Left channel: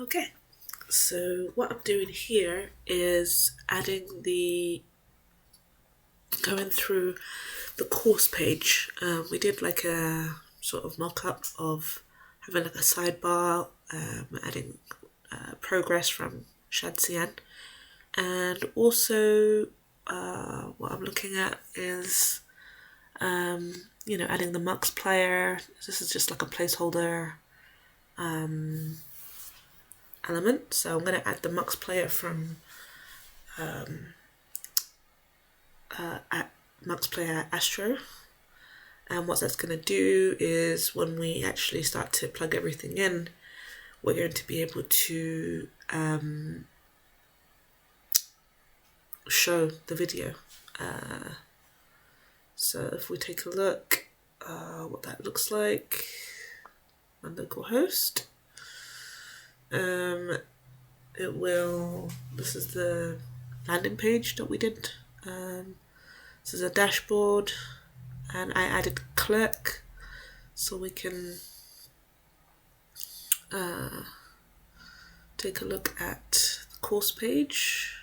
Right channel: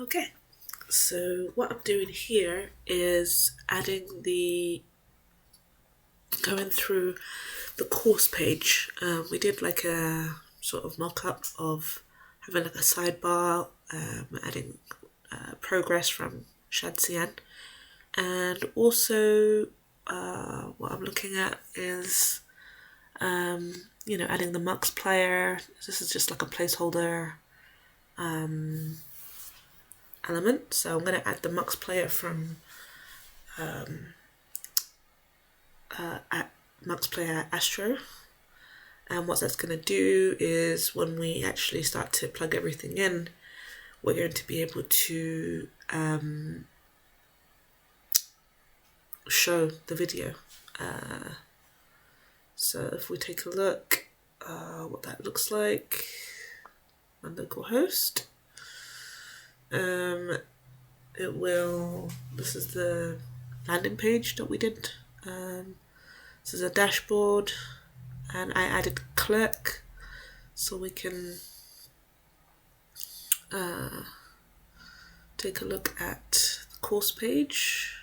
Okay, so what I'm doing here is going through the course page. We did like a sort of mock-up of having like a sidebar, adding progress from Shadcyan, and also what I'm looking at is adding the Mux player. This is just like a placeholder element, so I'm going to add the Mux player from Mux player Astro. And what that's going to do is when we actually start to plug everything in, we're going to be able to show the video. So if we take a look what that looks like on localhost, this is the landing page that we did. This is a dashboard, and I added Clerk so we can take a look at the course page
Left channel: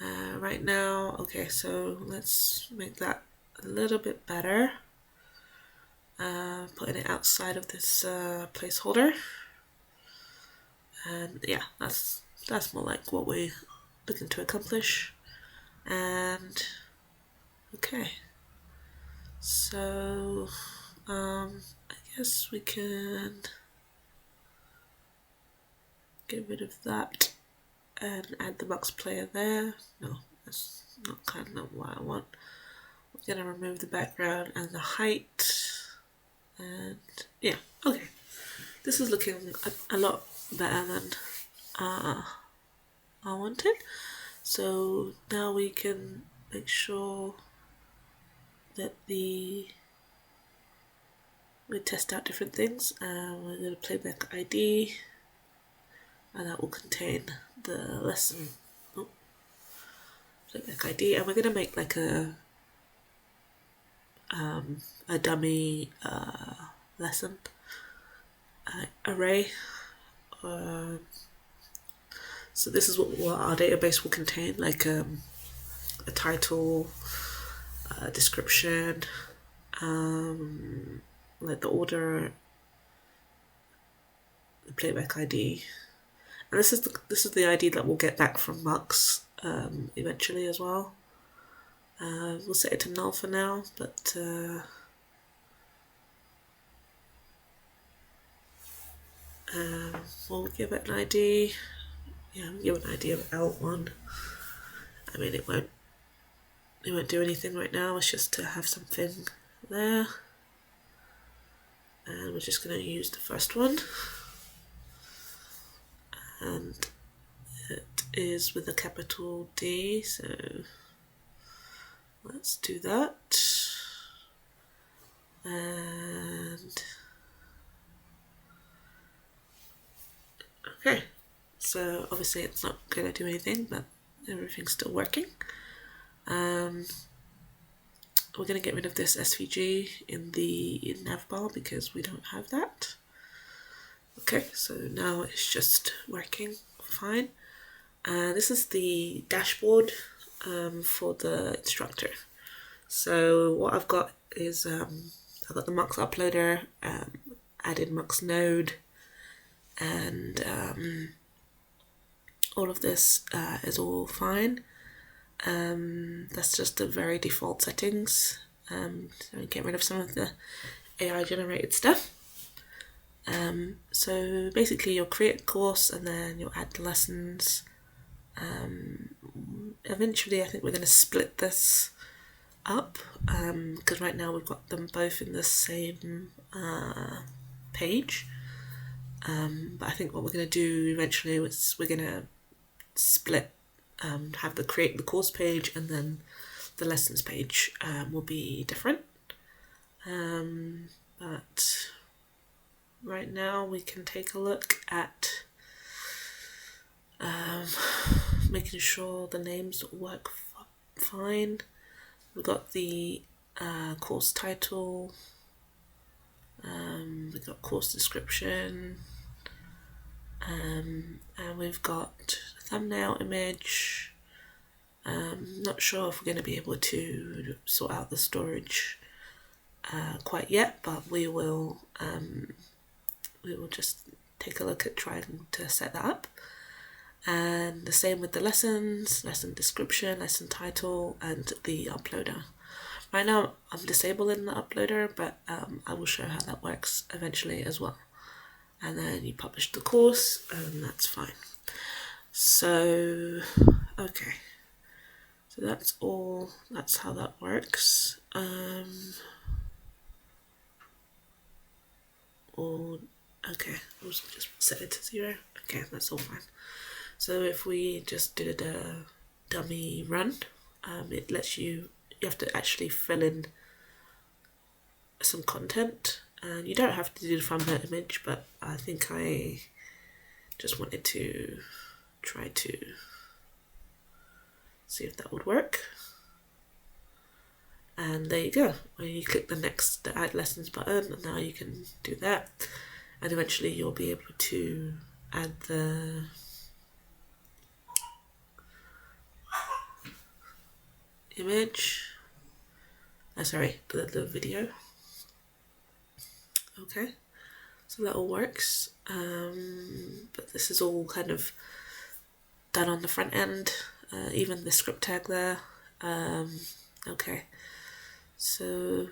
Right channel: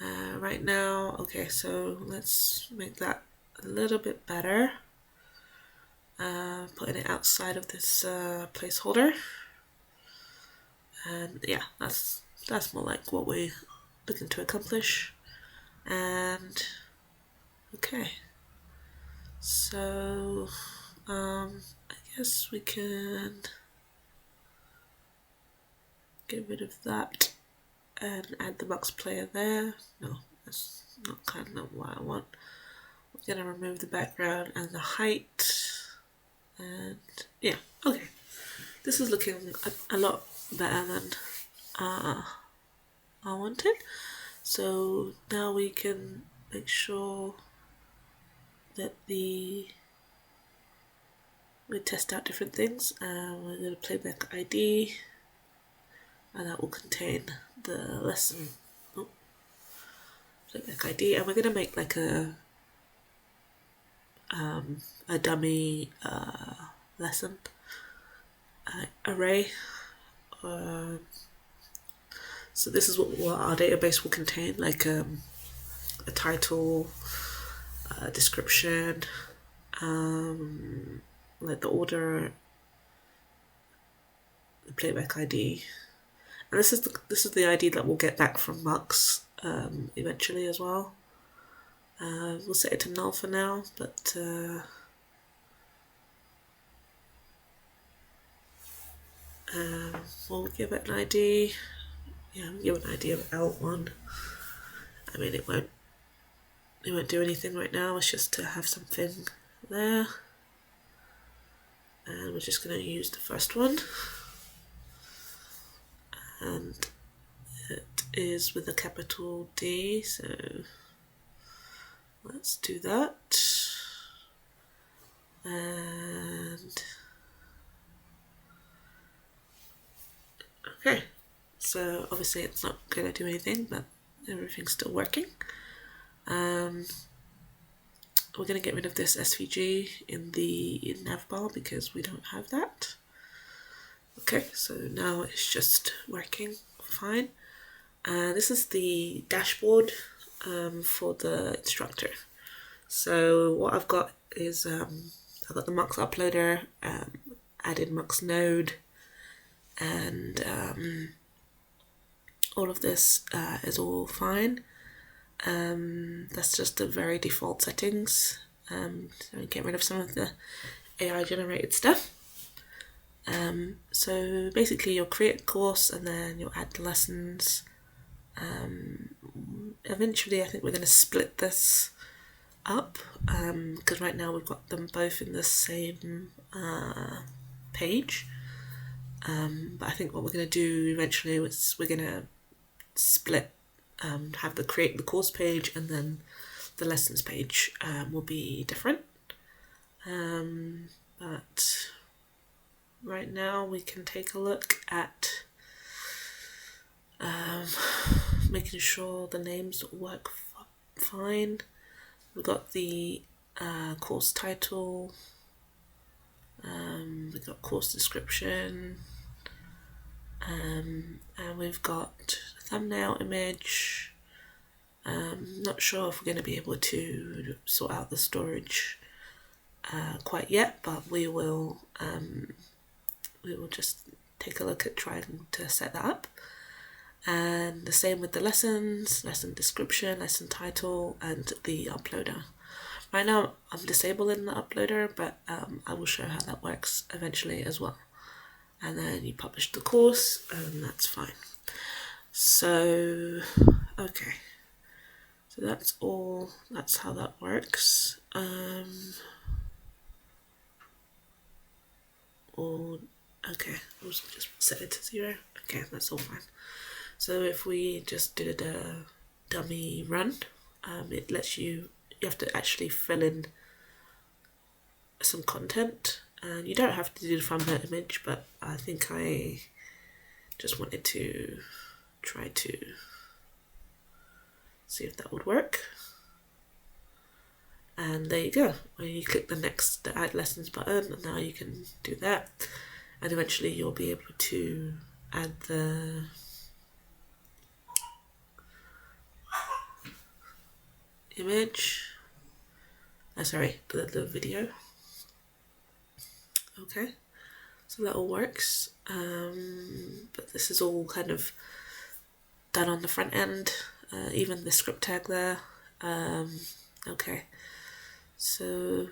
right now. Okay, so let's make that a little bit better, putting it outside of this placeholder, and yeah, that's more like what we're looking to accomplish. And okay, so I guess we can get rid of that and add the Mux player there. No, that's not kind of what I want. We're gonna remove the background and the height, and yeah, okay. This is looking a lot better than I wanted. So now we can make sure that we test out different things. We're going to playback ID, and that will contain the lesson. Playback ID, and we're going to make like a dummy lesson array. So this is what our database will contain, like a title, description, like the order, the playback ID, and this is the ID that we'll get back from Mux eventually as well. We'll set it to null for now, but we'll give it an ID. Yeah, we'll give an ID of L1. I mean, it won't do anything right now. It's just to have something there, and we're just going to use the first one, and it is with a capital D, so let's do that. And okay, so obviously it's not going to do anything, but everything's still working. We're going to get rid of this SVG in the navbar because we don't have that. Okay, so now it's just working fine. This is the dashboard for the instructor. So what I've got is I've got the Mux uploader, added Mux node, and all of this is all fine. That's just the very default settings. So get rid of some of the AI generated stuff. So basically you'll create a course and then you'll add the lessons. Eventually I think we're going to split this up because right now we've got them both in the same page. But I think what we're going to do eventually is we're going to split, have create the course page, and then the lessons page will be different. But right now we can take a look at making sure the names work fine. We've got the course title, we've got course description, and we've got a thumbnail image. Not sure if we're going to be able to sort out the storage quite yet, but we will just take a look at trying to set that up. And the same with the lessons, lesson description, lesson title, and the uploader. Right now I'm disabling the uploader, but I will show how that works eventually as well. And then you publish the course, and that's fine. So, okay. So that's all, that's how that works. Okay, I'll just set it to 0. Okay, that's all fine. So if we just did a dummy run, it lets you have to actually fill in some content, and you don't have to do the thumbnail image, but I think I just wanted to try to see if that would work. And there you go. When you click the add lessons button, and now you can do that, and eventually you'll be able to add the image, the video. Okay, so that all works, but this is all kind of done on the front end, even the script tag there. Okay, so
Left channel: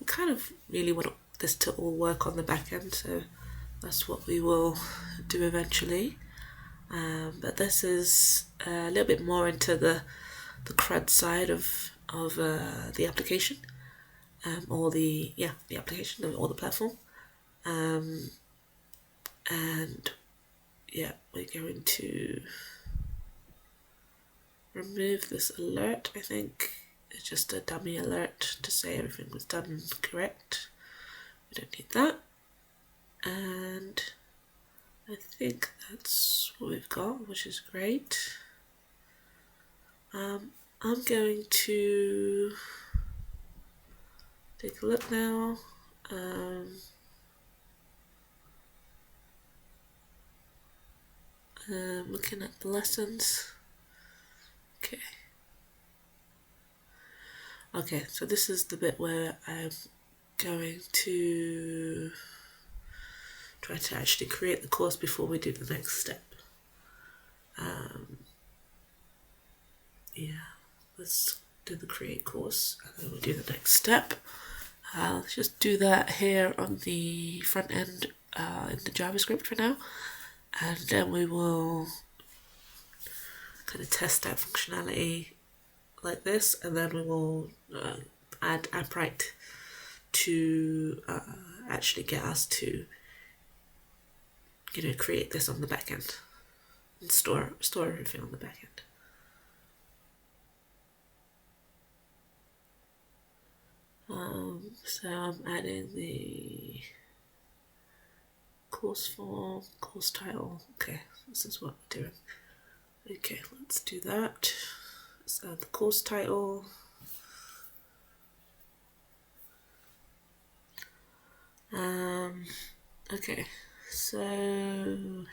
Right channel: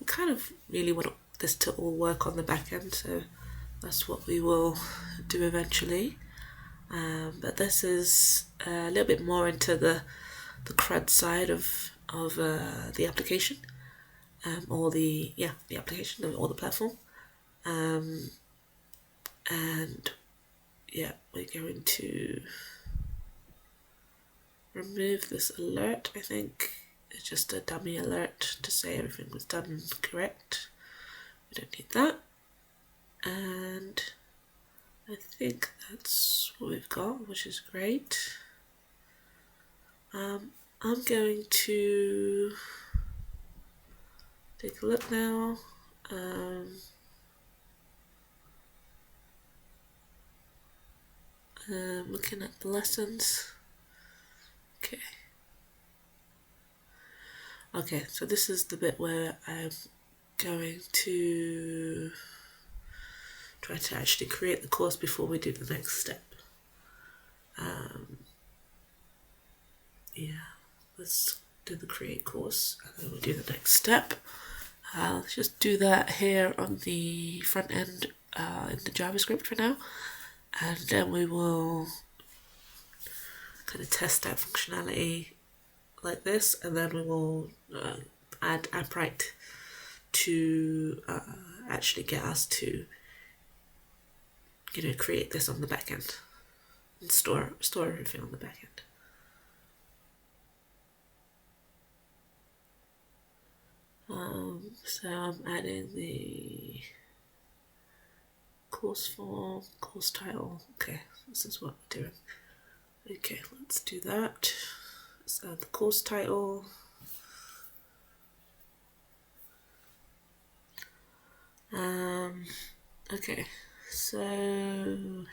we kind of really want this to all work on the back end, so that's what we will do eventually. But this is a little bit more into the CRUD side of the application, or the application or the platform, and yeah, we're going to remove this alert. I think it's just a dummy alert to say everything was done correct. We don't need that, and I think that's what we've got, which is great. I'm going to take a look now. Looking at the lessons. Okay, so this is the bit where I'm going to try to actually create the course before we do the next step. Yeah, let's do the create course, and then we'll do the next step. Let's just do that here on the front end in the JavaScript for now, and then we will kind of test that functionality like this, and then we will add Appwrite to actually get us to create this on the back end and store everything on the back end. So I'm adding the course form, course title. Okay, this is what we're doing. Okay, let's do that. Let's add the course title. Okay, so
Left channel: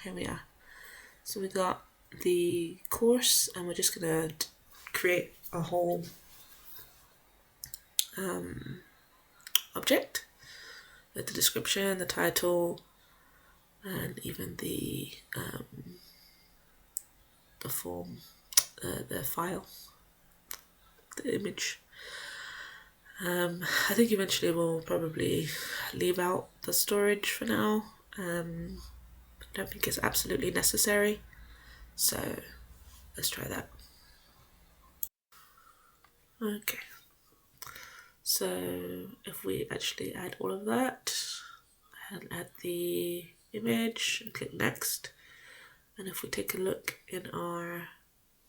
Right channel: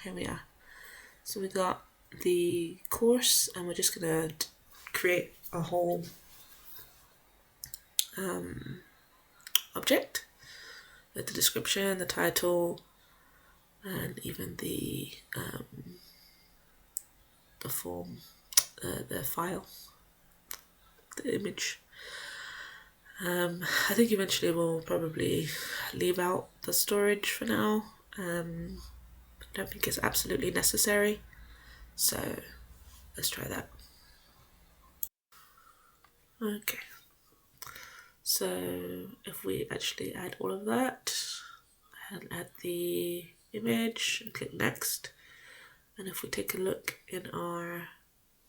here we are. So we got the course, and we're just gonna create a whole object with the description, the title, and even the form, the file, the image. I think eventually we'll probably leave out the storage for now. I don't think it's absolutely necessary, so let's try that. Okay, so if we actually add all of that and add the image and click next, and if we take a look in our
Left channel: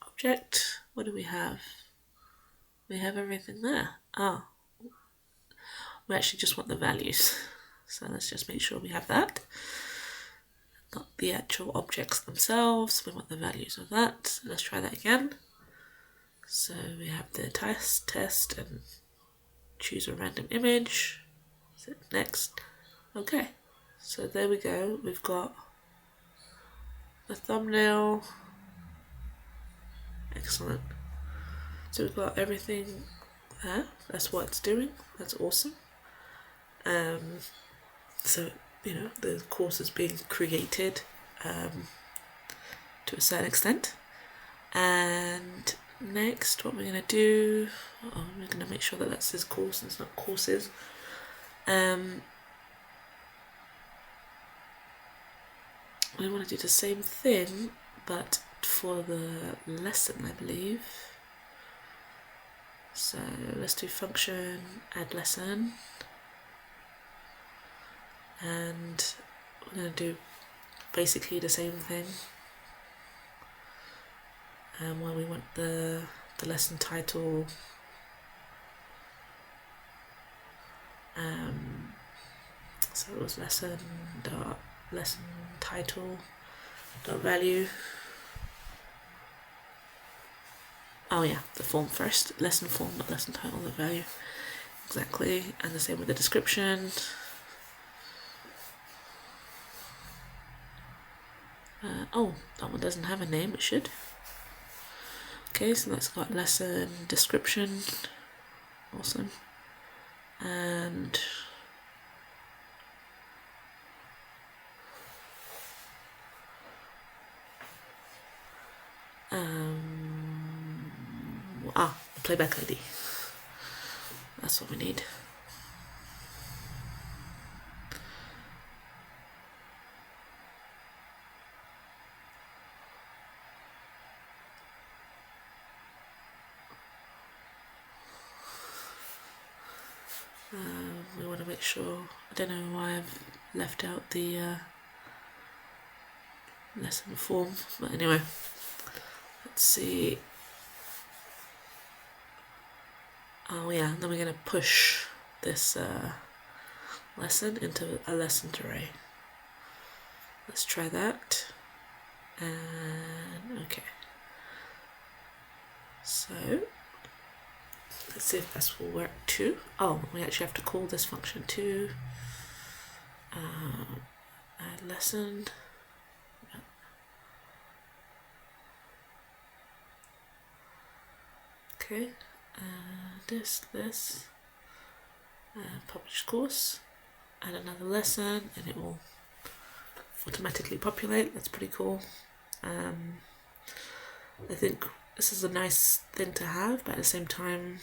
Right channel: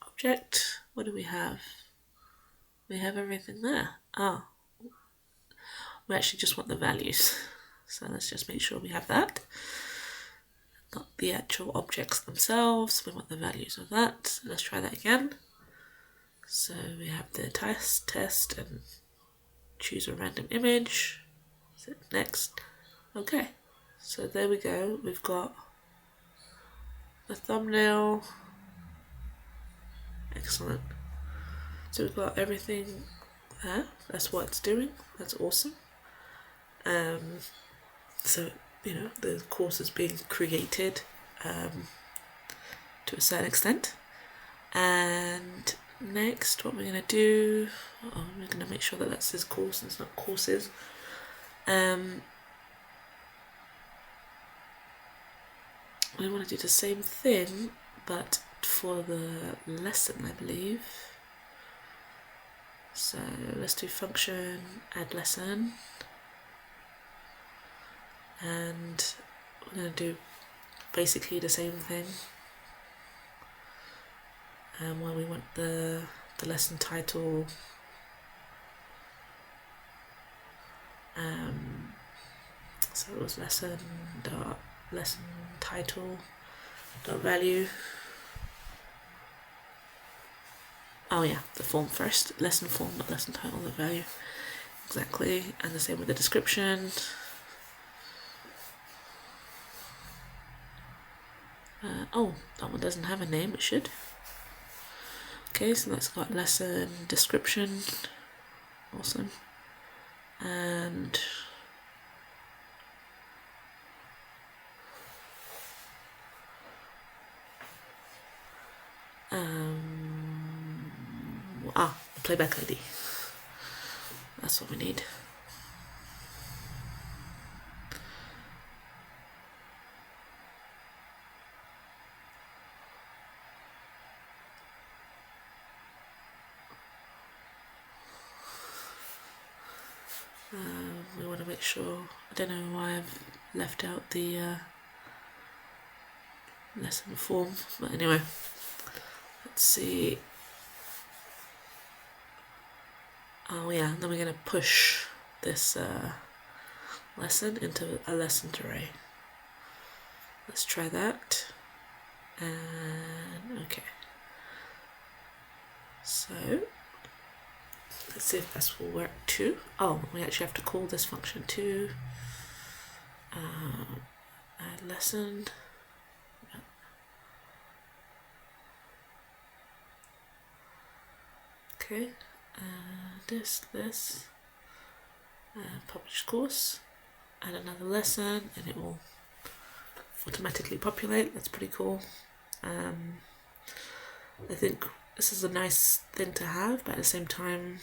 object, what do we have? We have everything there. Oh, we actually just want the values, so let's just make sure we have that, not the actual objects themselves. We want the values of that. So let's try that again. So we have the test, and choose a random image. So next. Okay, so there we go. We've got the thumbnail. Excellent. So we've got everything there. That's what it's doing. That's awesome. So, you know, the course is being created to a certain extent. And next, what we're going to do, we're going to make sure that that says course and it's not courses. We want to do the same thing, but for the lesson, I believe. So let's do function, add lesson. And we're going to do basically the same thing. Where we want the lesson title. So it was lesson title value. Oh yeah, the form first. Lesson form, not lesson title, the value. Exactly. And the same with the description. Oh, that one doesn't have a name, it should. Okay, so that's got lesson description. Awesome. And playback ID. That's what we need. We want to make sure, I don't know why I've left out the lesson form, but anyway, let's see. Oh yeah, then we're going to push this lesson into a lessons array. Let's try that. And okay. So let's see if this will work too. Oh, we actually have to call this function too. Add lesson. Okay. This, publish course, add another lesson, and it will automatically populate. That's pretty cool. I think this is a nice thing to have, but at the same time,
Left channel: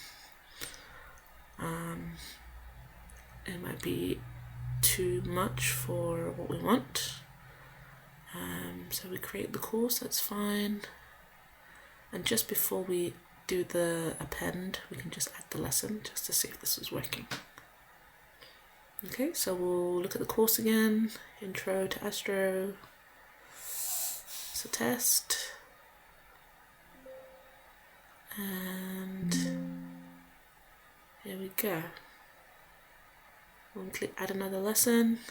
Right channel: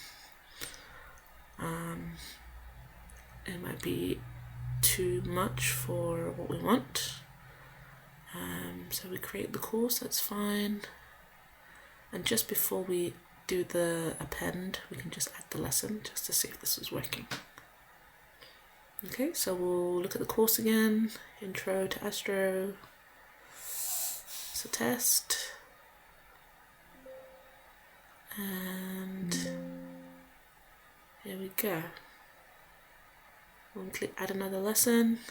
it might be too much for what we want. So we create the course, that's fine. And just before we do the append, we can just add the lesson just to see if this is working. Okay, so we'll look at the course again. Intro to Astro. It's a test. And here we go. We'll click add another lesson.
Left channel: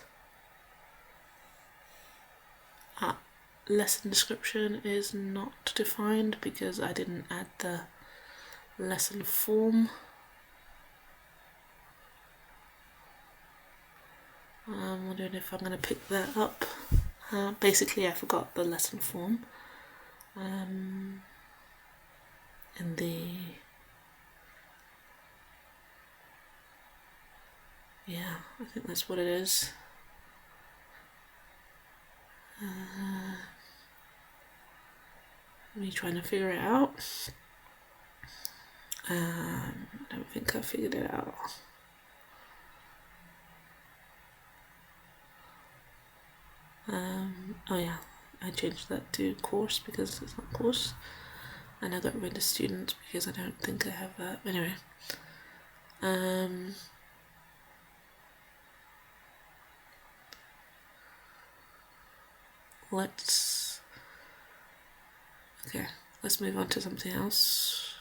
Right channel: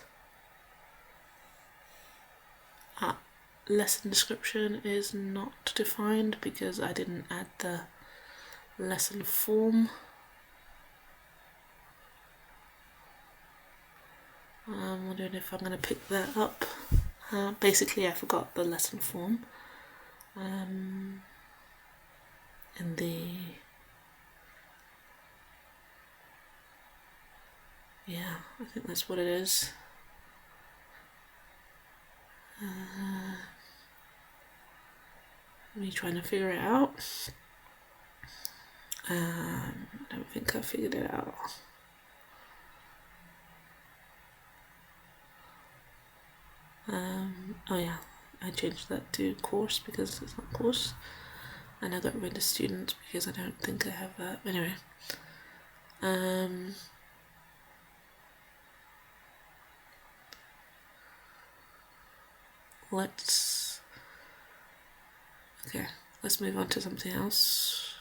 Lesson description is not defined because I didn't add the lesson form. I'm wondering if I'm going to pick that up. Basically, I forgot the lesson form in the I think that's what it is. Me trying to figure it out. I don't think I figured it out. Oh yeah, I changed that to course because it's not course, and I got rid of student because I don't think I have that. Anyway, let's move on to something else.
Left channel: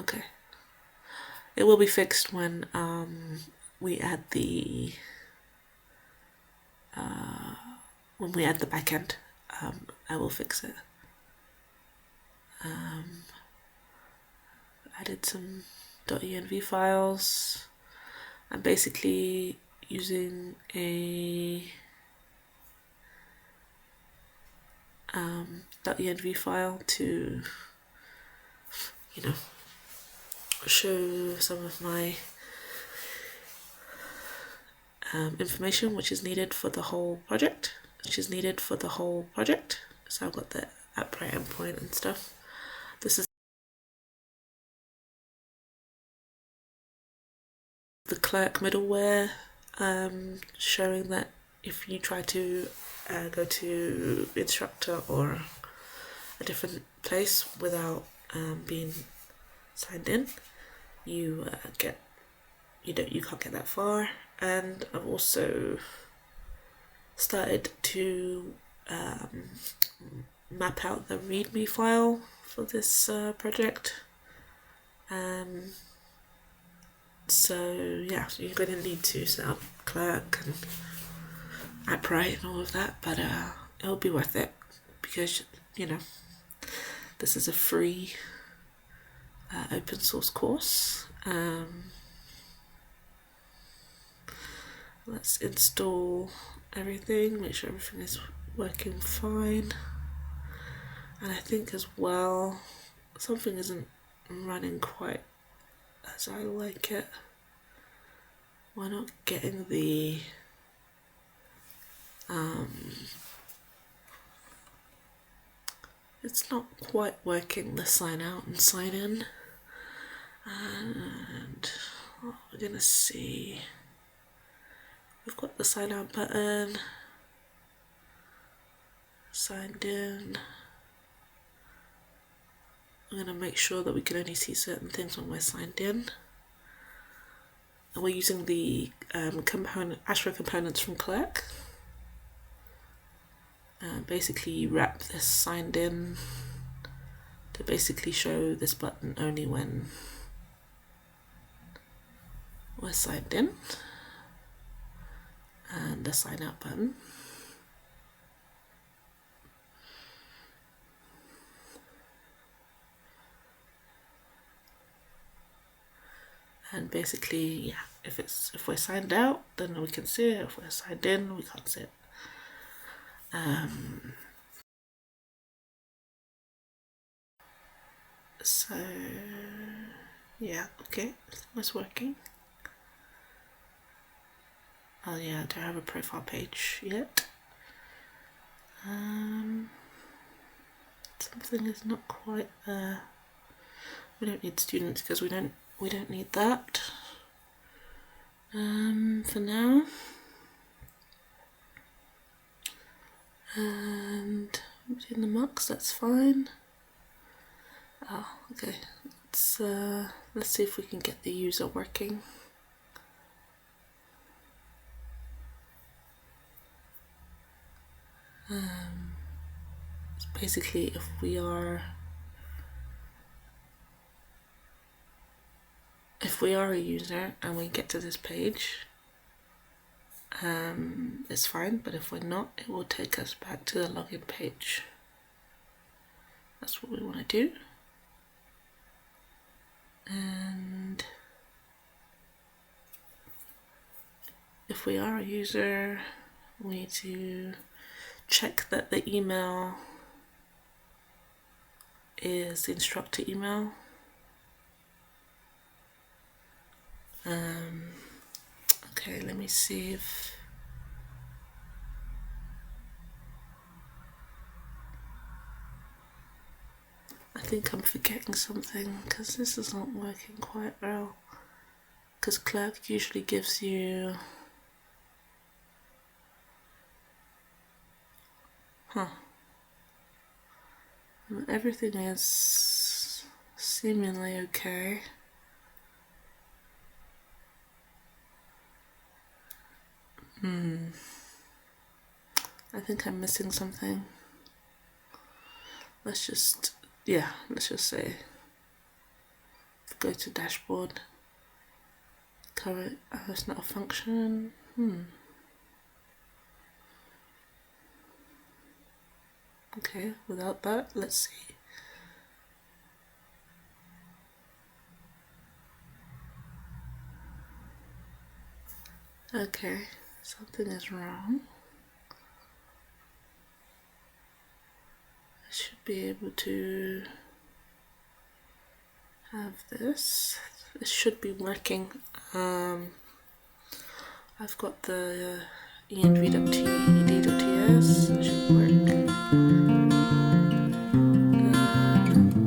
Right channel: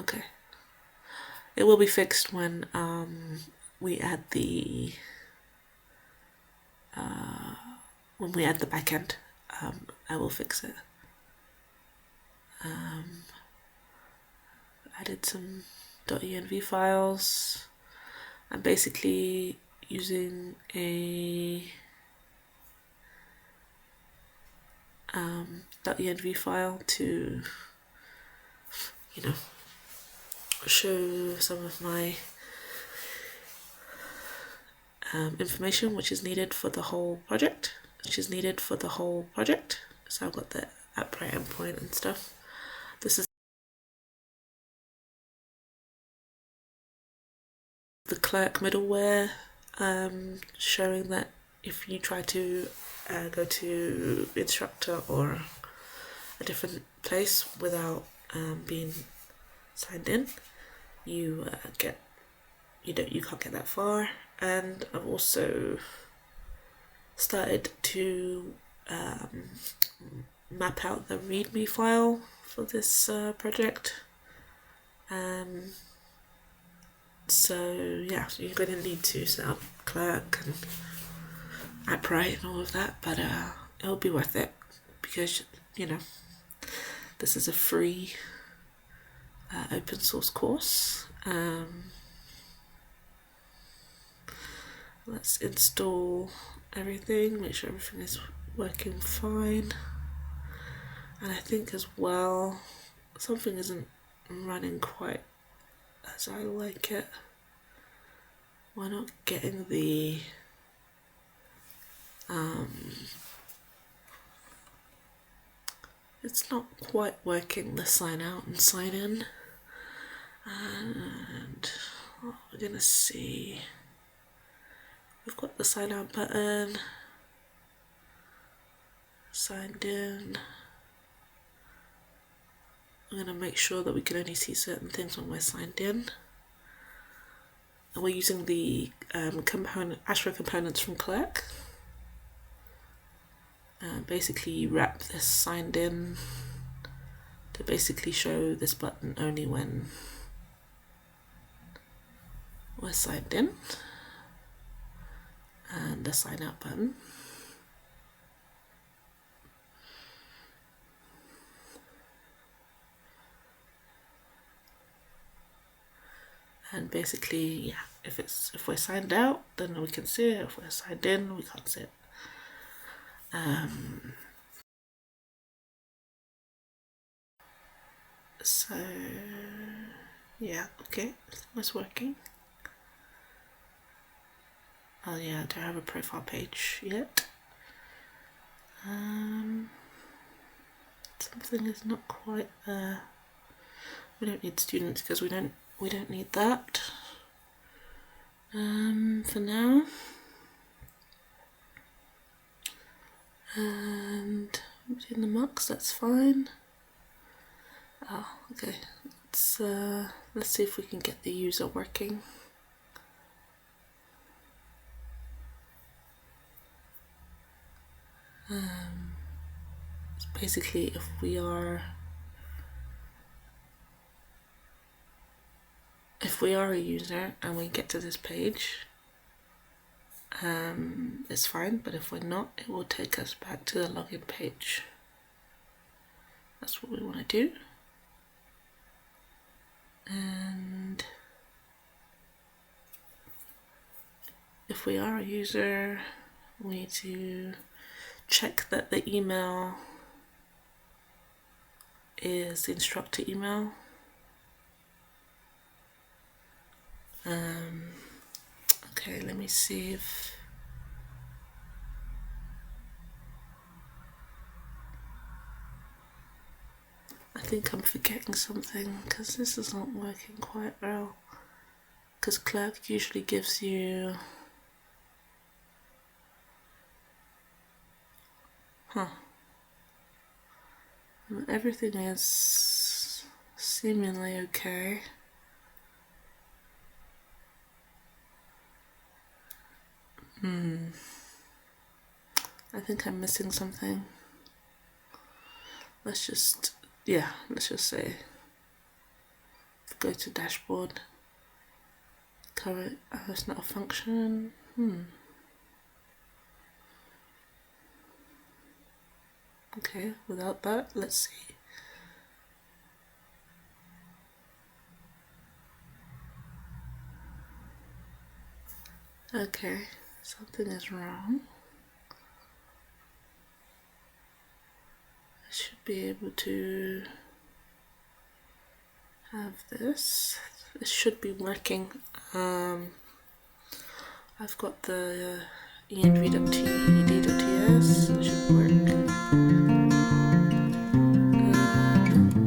Okay, it will be fixed when we add the backend. I will fix it. Added some .env files. I'm basically using a .env file to, show some of my information which is needed for the whole project. So I've got the Appwrite endpoint and stuff. This is the Clerk middleware, showing that if you try to go to instructor or a different place without being signed in, you can't get that far. And I've also started to map out the README file for this project. So yeah, you're going to need to set up Clerk and Appwrite and all of that, but it'll be worth it because this is a free open source course. Let's install everything, make sure everything is working fine. And I think as well, something isn't running quite as I like it. We're not getting the it's not quite working, the sign out and sign in. And we're gonna see, we've got the sign out button, signed in. I'm going to make sure that we can only see certain things when we're signed in. And we're using the Astro components from Clerk. Basically, you wrap this signed in to basically show this button only when we're signed in. And the sign out button. And basically, yeah, if we're signed out, then we can see it. If we're signed in, we can't see it. So yeah, okay, it's working. Oh yeah, I don't have a profile page yet. Something is not quite there. We don't need students because we don't need that for now. And in the mux, that's fine. Oh, okay. Let's see if we can get the user working. Basically, if we are a user and we get to this page, it's fine, but if we're not, it will take us back to the login page. That's what we want to do. And if we are a user, we need to check that the email is the instructor email. Okay, let me see if I think I'm forgetting something because this is not working quite well. Because Clerk usually gives you everything is seemingly okay. I think I'm missing something. Let's just say, go to dashboard, current, it's not a function. Okay, without that, let's see. Okay, something is wrong. should be able to have this. This should be working. I've got the env.ed.ts, it should work.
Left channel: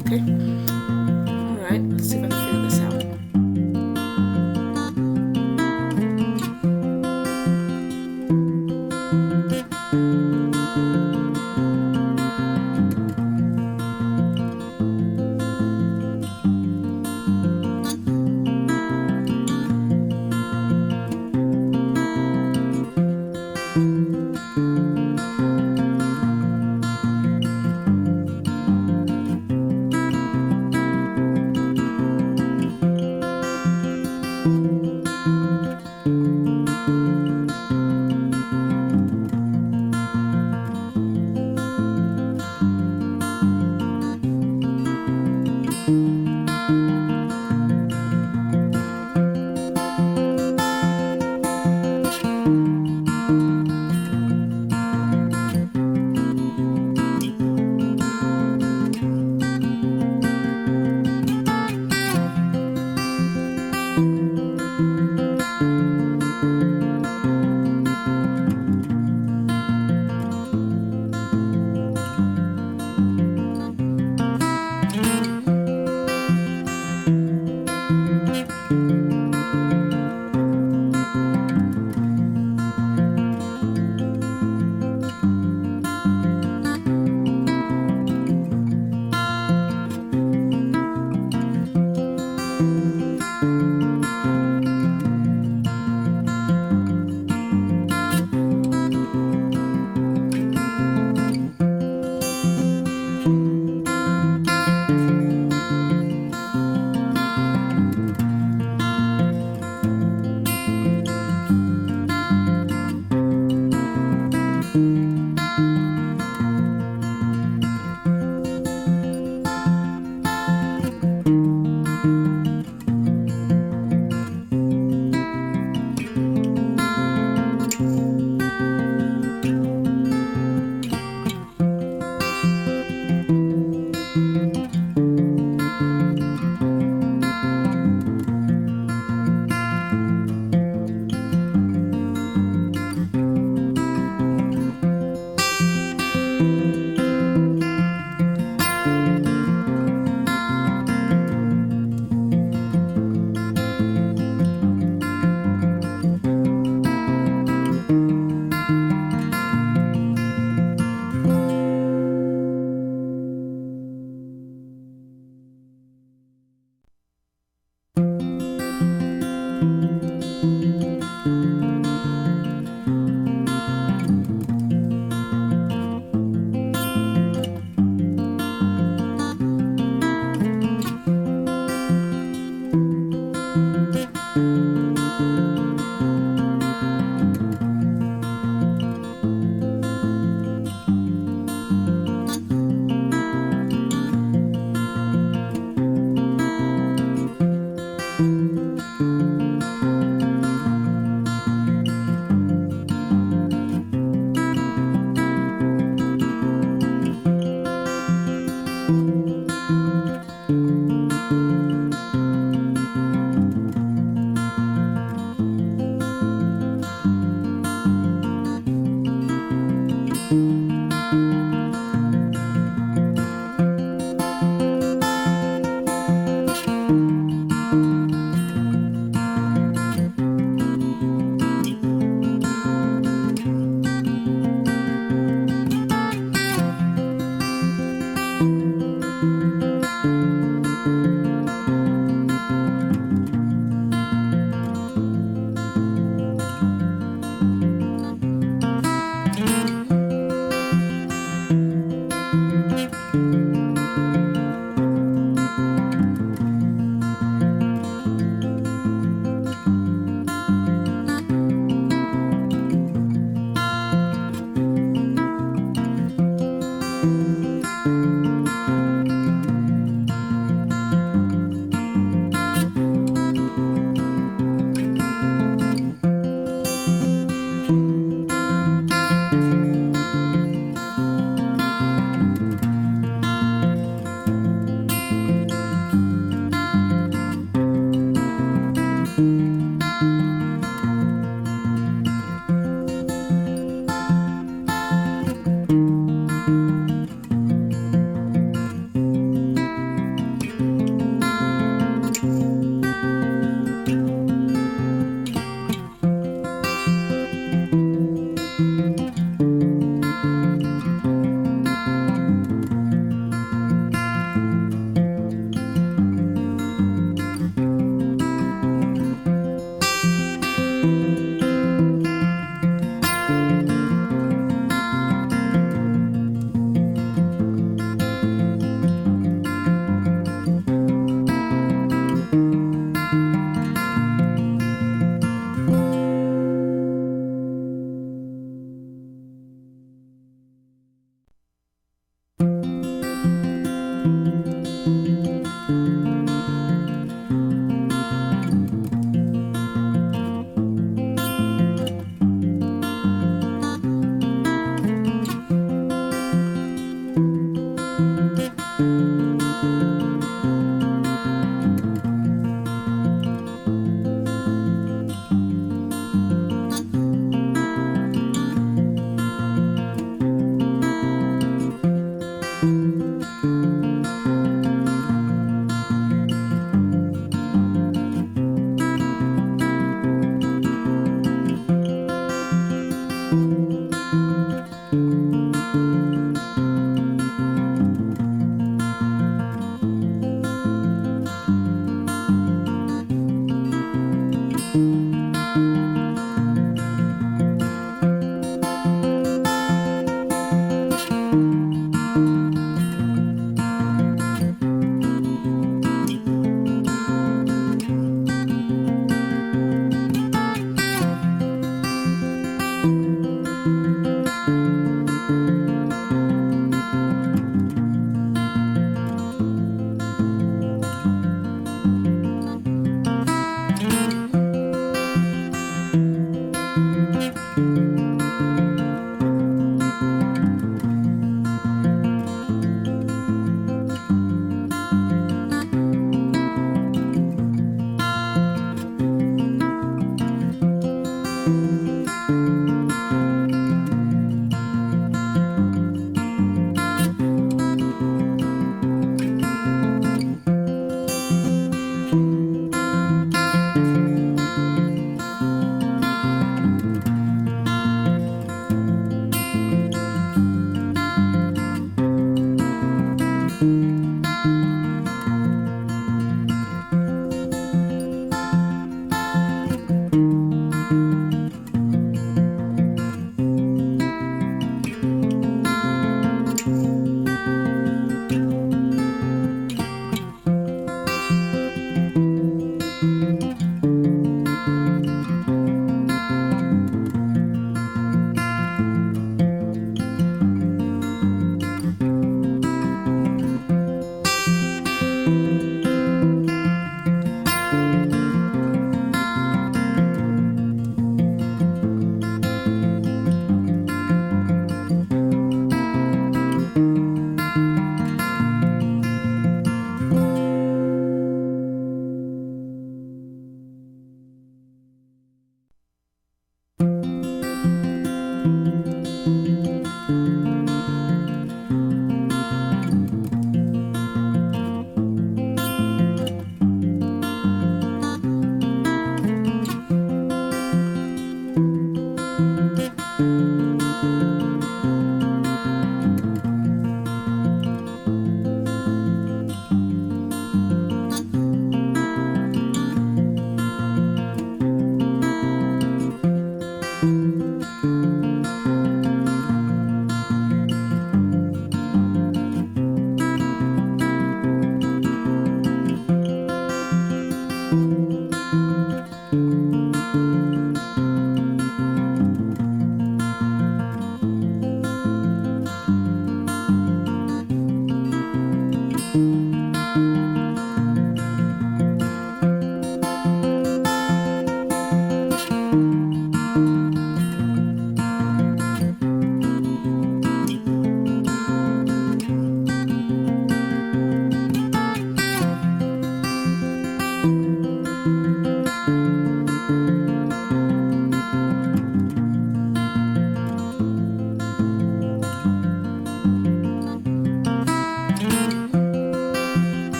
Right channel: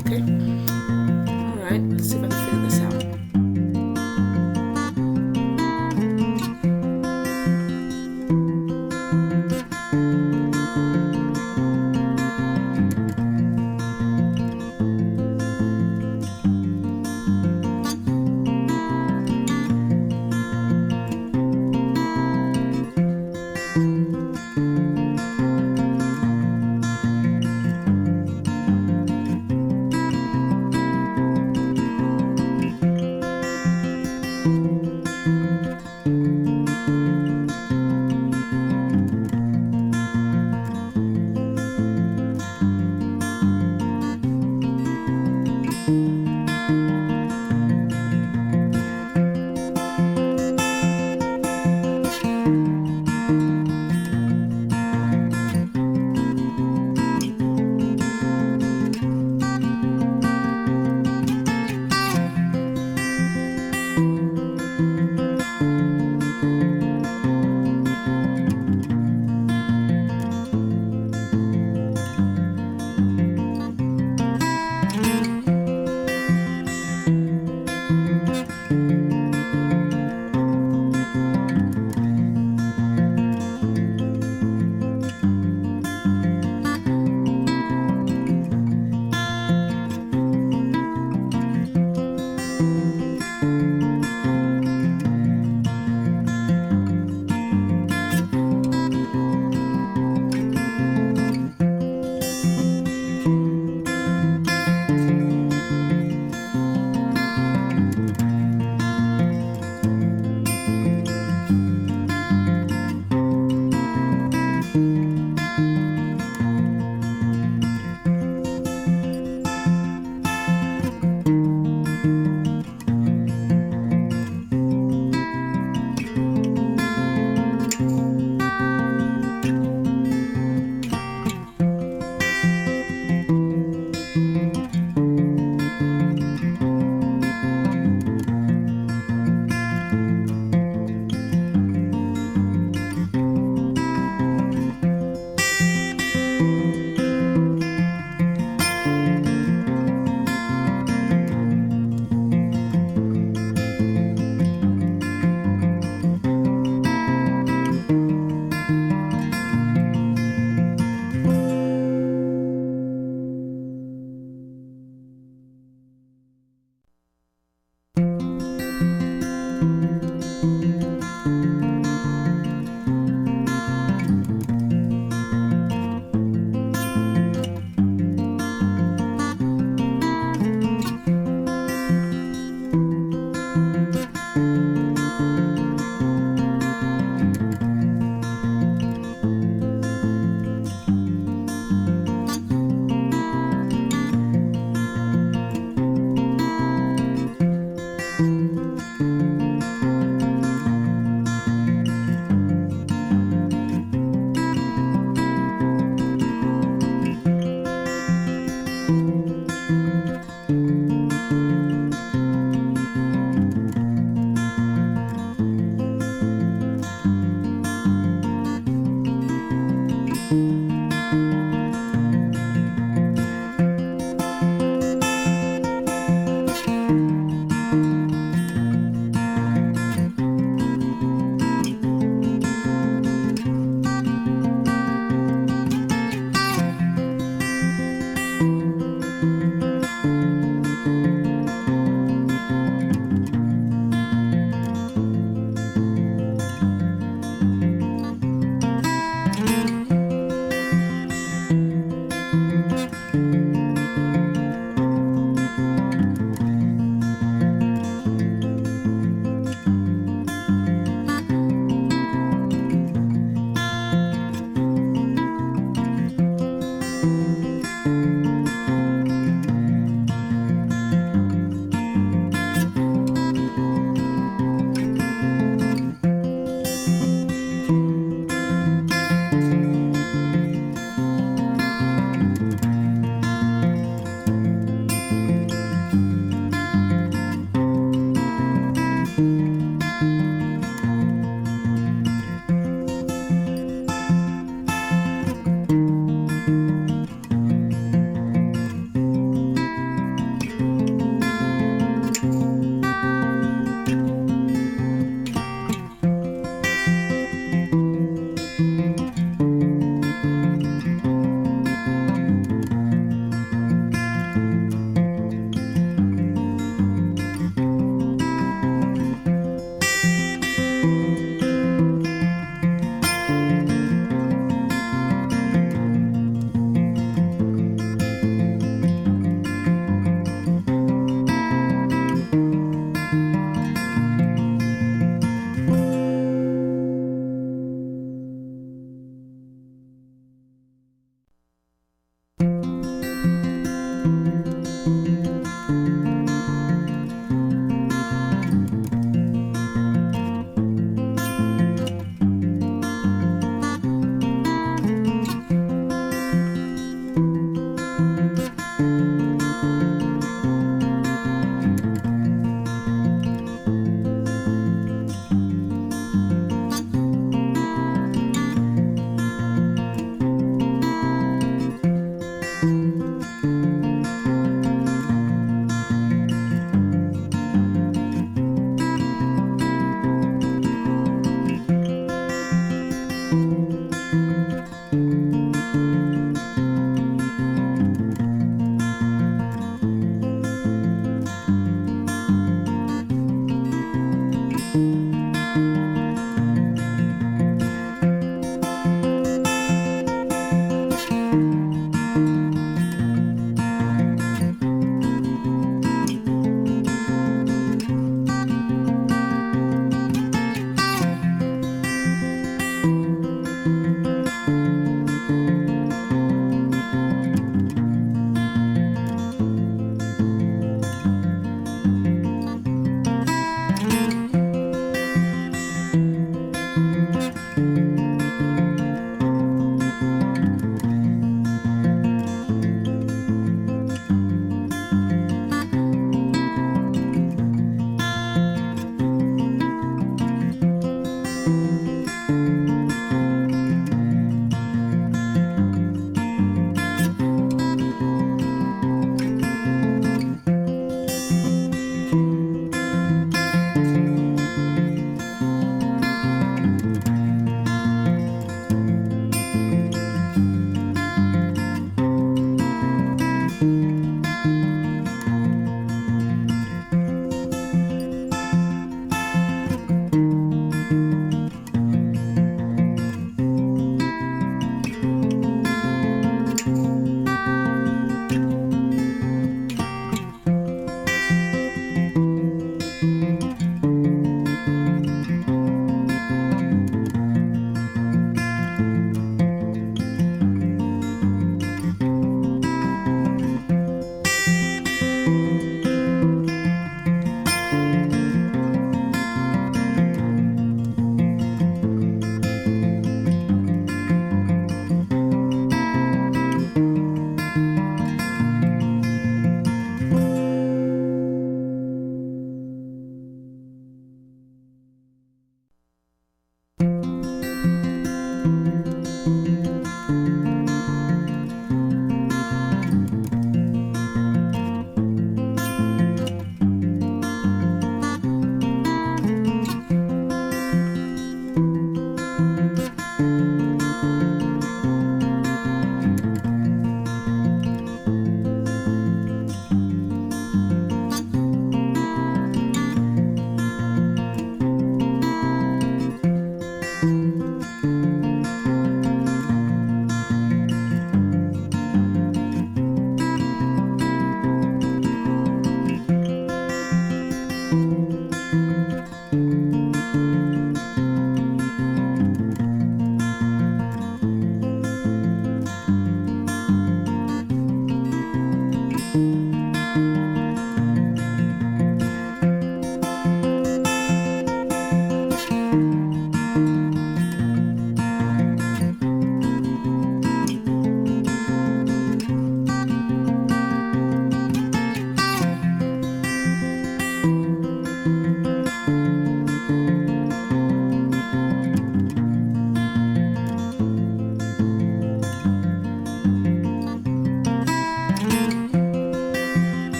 Okay. Alright, let's see if I can figure this out.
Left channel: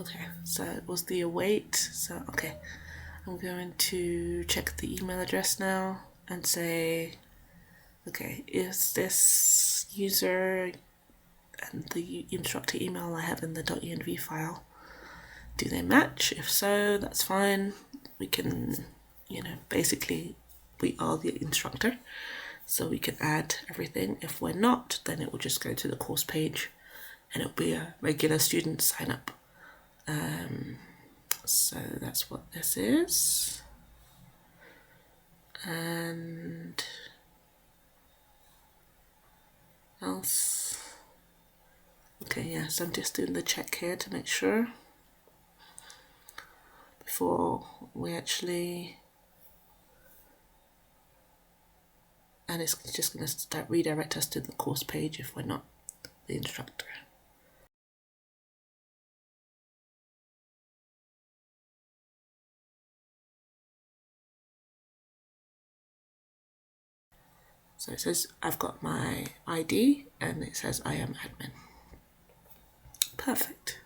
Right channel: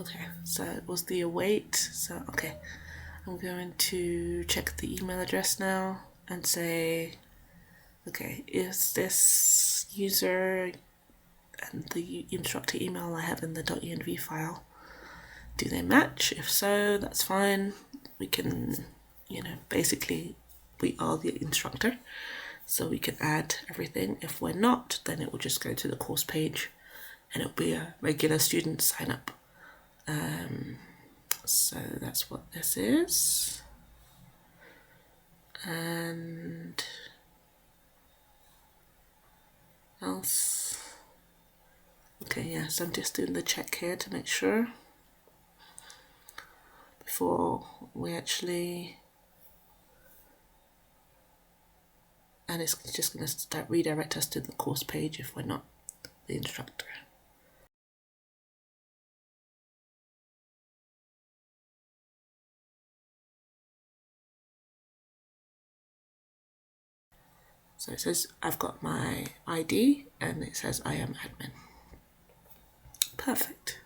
Okay, so it was the await. So, okay, I'm going to check the email address now and say, okay, is this user and the instructor email I have in the .env file, do they match? If so, that's fine. We can, basically we are the instructor, so we can add everything. If we're not, then it will just go to the course page and it'll be a regular student sign up. So that's what this is. And else. Okay, yes, I'm just doing the check here to make sure before we actually, and it's just going to redirect us to the course page if we're not the instructor. So it says I've got my ID and it says I am admin. Perfect.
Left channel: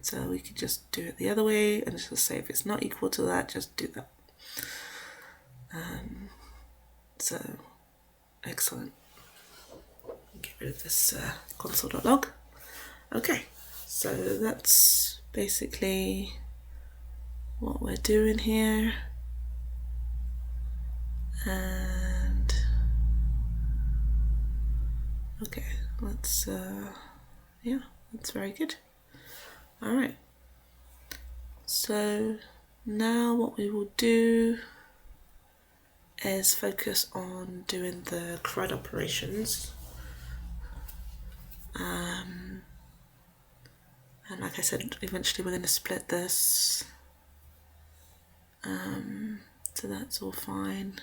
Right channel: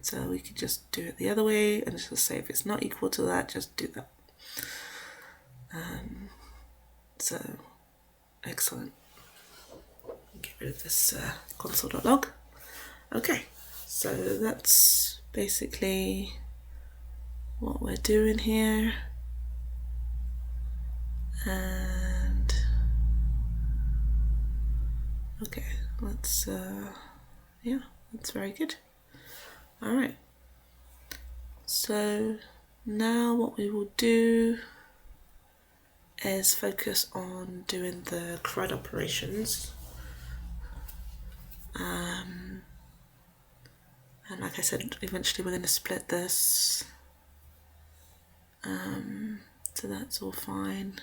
So we could just do it the other way and just say if it's not equal to that, just do that. So excellent. Get rid of this console.log. Okay, so that's basically what we're doing here. And okay, let's yeah, that's very good. All right, so now what we will do is focus on doing the CRUD operations. And like I said, eventually we're going to split this, so that's all fine.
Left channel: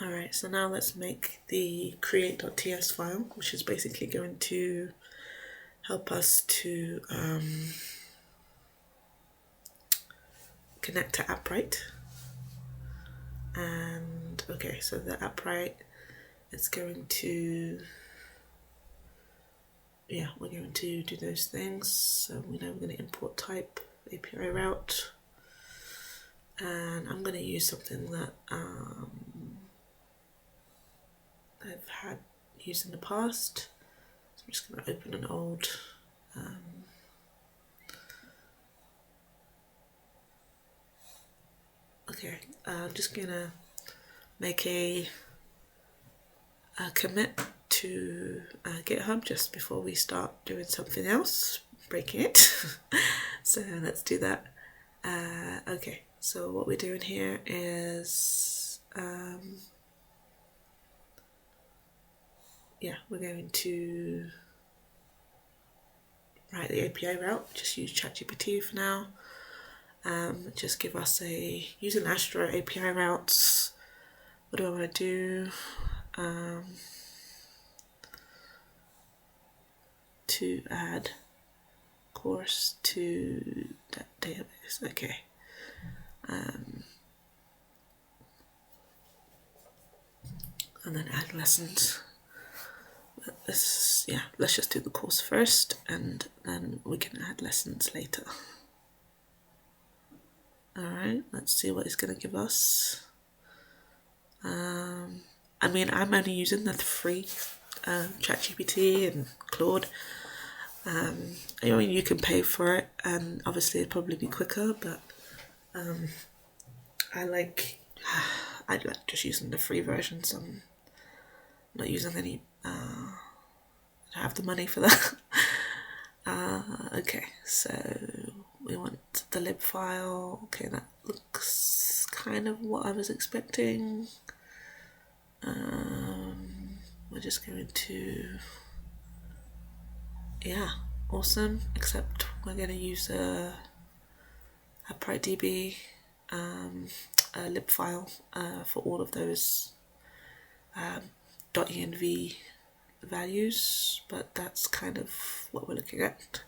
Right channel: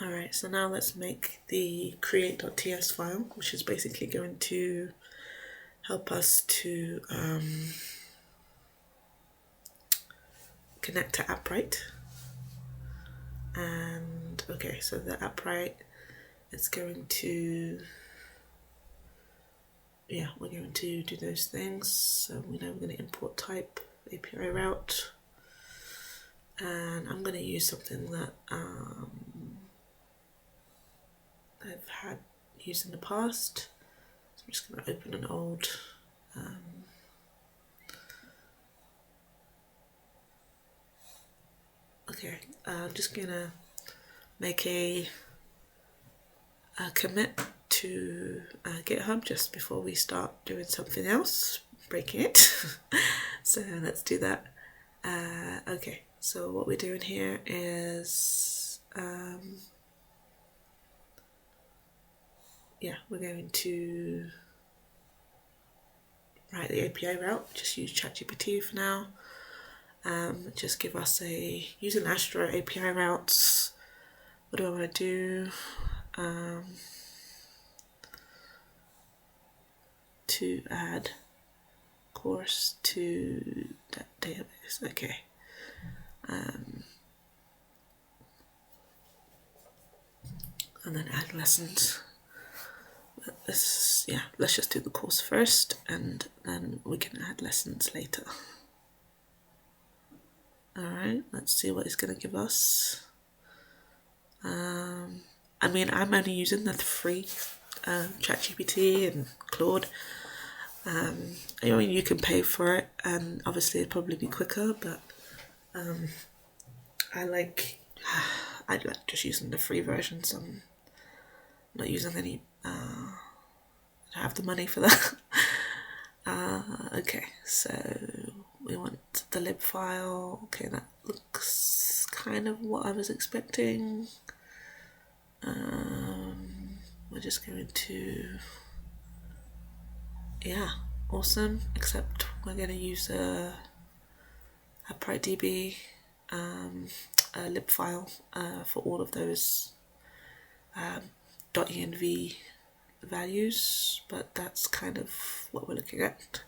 Alright, so now let's make the create.ts file, which is basically going to help us to connect to Appwrite. And okay, so the Appwrite is going to, yeah, we're going to do those things. So we know we're going to import type API route, and I'm going to use something that I've had used in the past. So I'm just going to open an old okay, I'm just going to make a commit to GitHub just before we start doing something else, breaking it. So let's do that. Okay, so what we're doing here is yeah, we're going to write the API route, just use ChatGPT for now. Just give us a, using Astro API routes, what do I want to do? To add course to that database, okay. And then add lessons. This, yeah, let's just do the course first and then we can add lessons later. Alright, let's see what it's going to give us. I mean, I'm only using the free ChatGPT and Claude. I mean, you can pay for it, and obviously it'd probably be quicker, but I like just using the free version, so I'm not using any. I don't have the money for that. Okay, so we want the lib file. Okay, that looks kind of what I was expecting. We're just going to, yeah, awesome, except we're going to use a Appwrite DB lib file for all of those .env values, but that's kind of what we're looking at.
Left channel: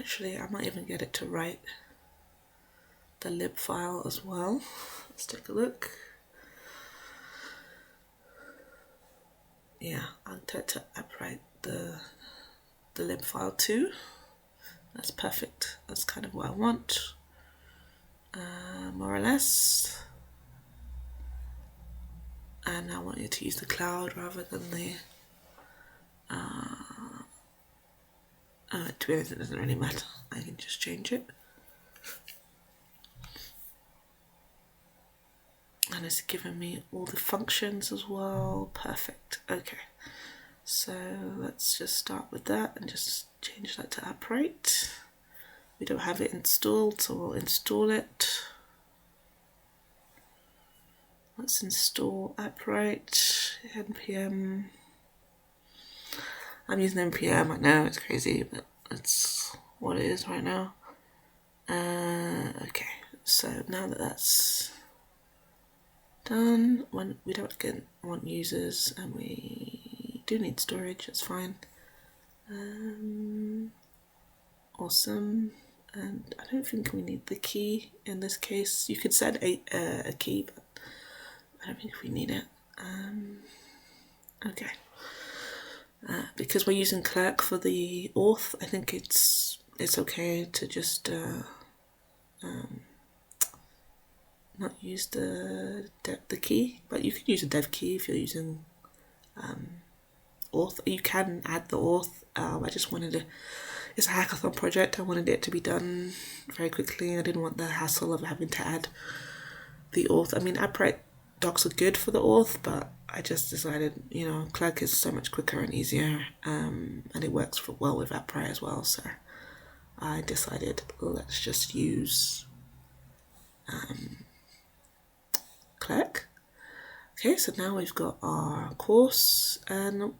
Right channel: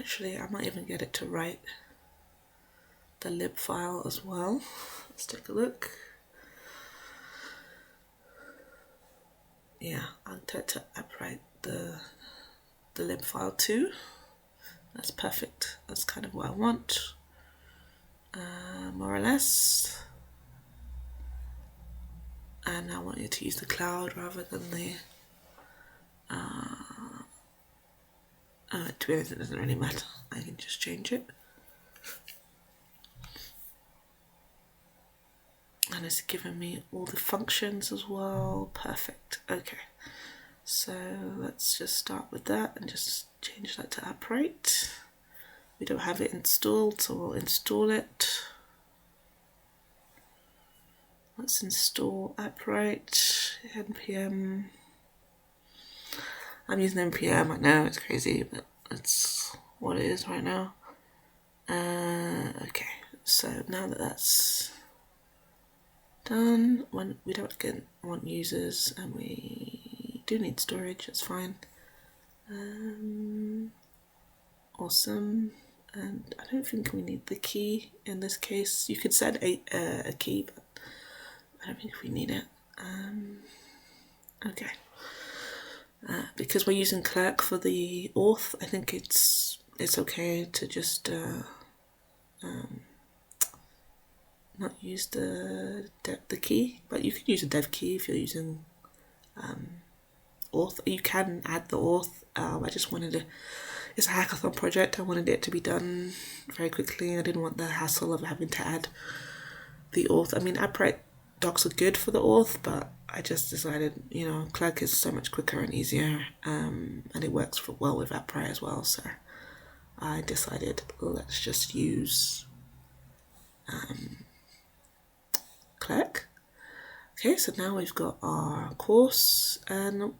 Actually, I might even get it to write the lib file as well. Let's take a look. Yeah, I'll try to Appwrite the lib file too. That's perfect. That's kind of what I want, more or less. And I want you to use the cloud rather than the. To be honest, it doesn't really matter. I can just change it. And it's given me all the functions as well. Perfect. Okay. So let's just start with that and just change that to Appwrite. We don't have it installed, so we'll install it. Let's install Appwrite, npm. I'm using npm, I know it's crazy, but that's what it is right now. Okay, so now that that's done, when we don't want users and we do need storage, that's fine. Awesome. And I don't think we need the key in this case. You could set a key, but I don't think we need it. Okay. Because we're using Clerk for the auth, I think it's okay to just not use the key, but you can use a dev key if you're using auth. You can add the auth. I just wanted to. It's a hackathon project. I wanted it to be done very quickly. I didn't want the hassle of having to add the auth. I mean, Appwrite docs are good for the auth, but I just decided, Clerk is so much quicker and easier, and it works well with Appwrite as well. So I decided let's just use Clerk. Okay, so now we've got our course, and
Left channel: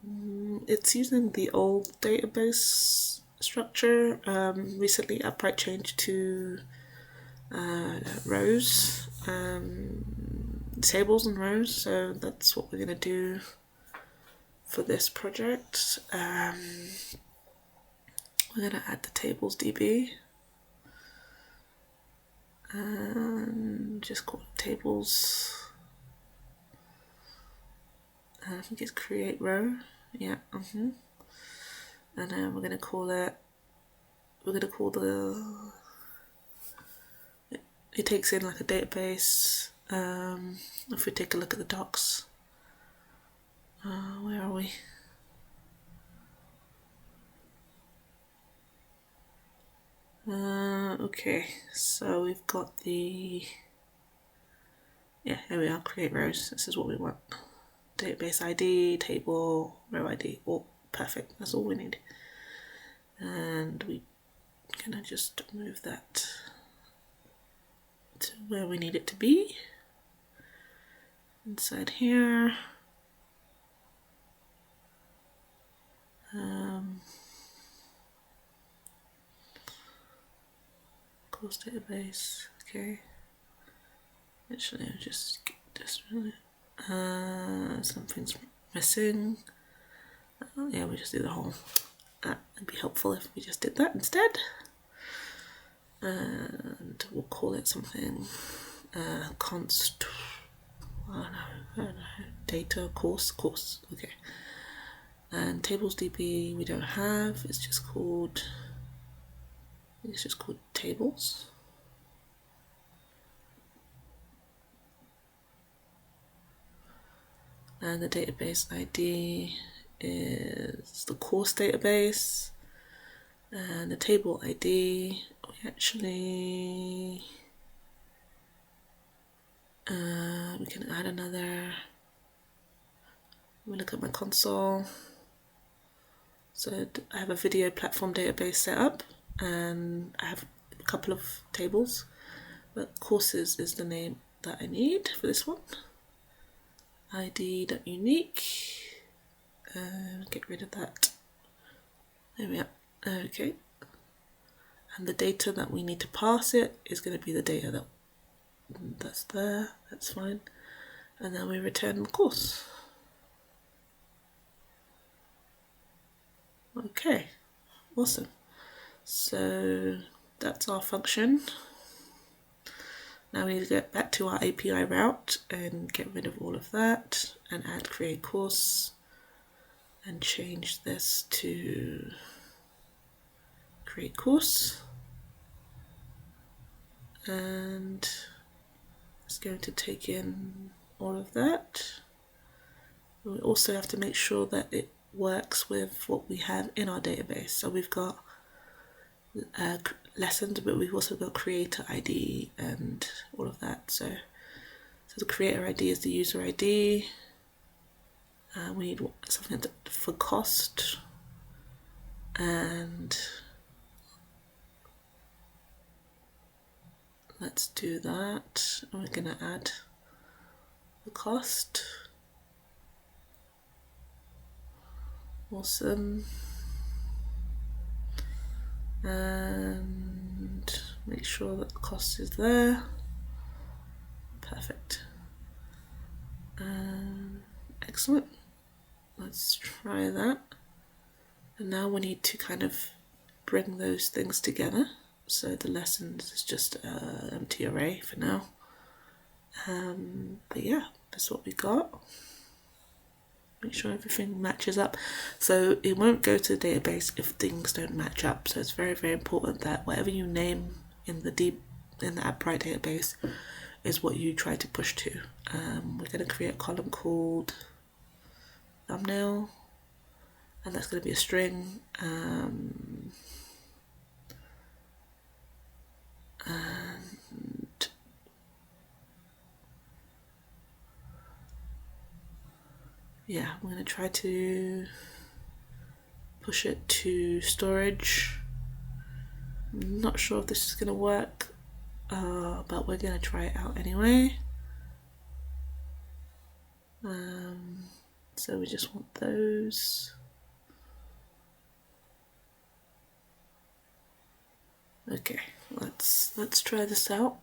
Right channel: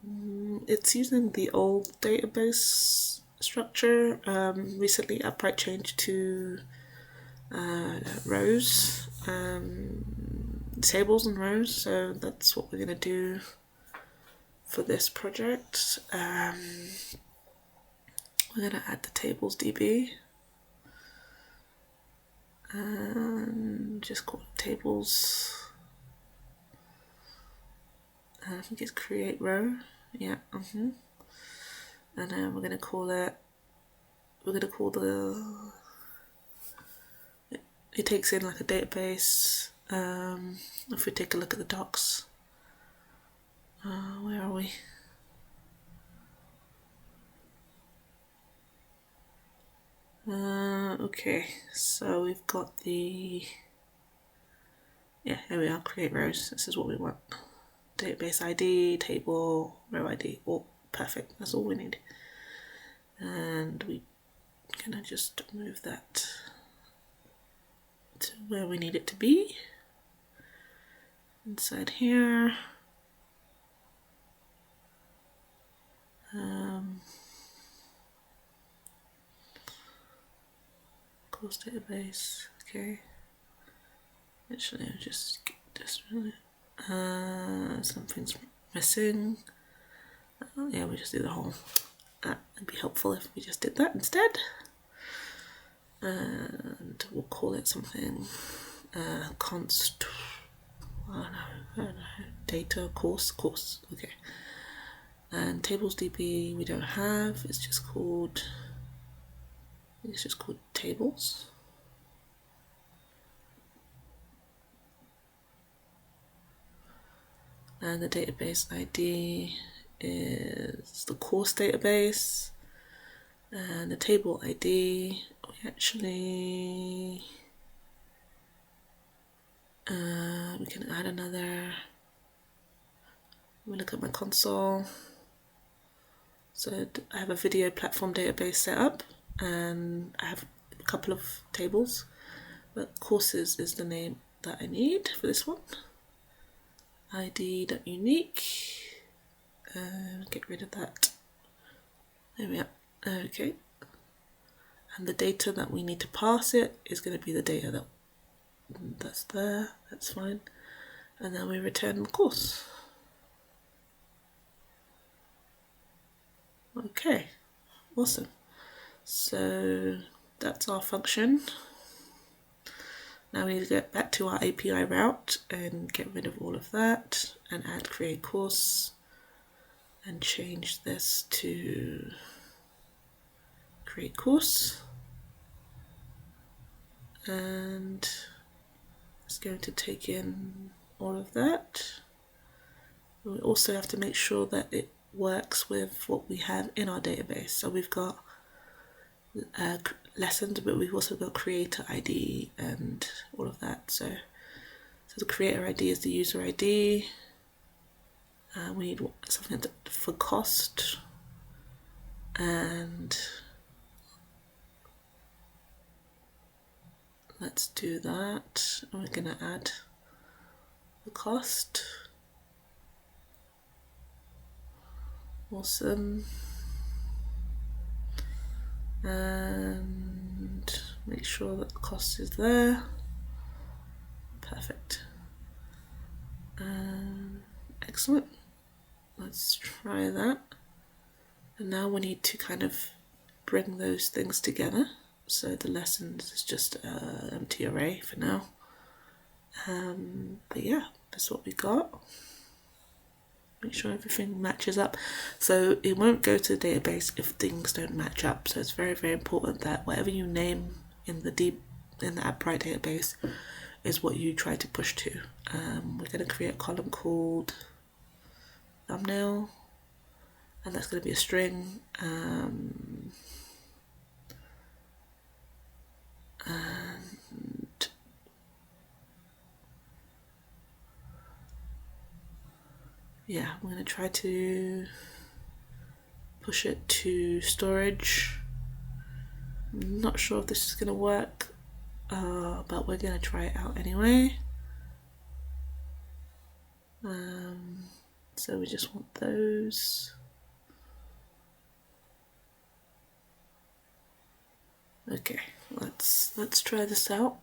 it's using the old database structure. Recently, Appwrite changed to rows, tables and rows, so that's what we're going to do for this project. We're going to add the tables DB and just call it tables. I think it's create row. Yeah. And then we're going to call it. We're going to call it takes in like a database. If we take a look at the docs, where are we? Okay, so we've got the, here we are, create rows. This is what we want. Database ID, table, row ID, all perfect. That's all we need. And we're gonna just move that to where we need it to be. Inside here. Course database, okay. Actually, I'll just get this really. Something's missing. Yeah, we just do the whole. That would be helpful if we just did that instead. And we'll call it something const. I don't know. Data course. Okay. And tables DB we don't have. It's just called. It's just called tables. And the database ID is the course database. And the table ID, we actually, we can add another. Let me look at my console. So I have a video platform database set up, and I have a couple of tables, but courses is the name that I need for this one. ID.unique, get rid of that. There we are. Okay. And the data that we need to pass it is going to be the data that's there. That's fine. And then we return the course. Okay, awesome. So that's our function. Now we need to get back to our API route and get rid of all of that and add create course and change this to create course. And it's going to take in all of that. We also have to make sure that it works with what we have in our database. So we've got lessons, but we've also got creator ID and all of that. So the creator ID is the user ID. We need something for cost, and let's do that. And we're going to add the cost. Awesome. And make sure that the cost is there. Perfect. Excellent. Let's try that. And now we need to kind of bring those things together. So the lessons is just an empty array for now. But yeah, that's what we got. Make sure everything matches up. So it won't go to the database if things don't match up. So it's very, very important that whatever you name in the Appwrite database is what you try to push to. We're going to create a column called thumbnail, and that's going to be a string. And yeah, I'm going to try to push it to storage. I'm not sure if this is going to work, but we're going to try it out anyway. So we just want those. Okay, let's try this out.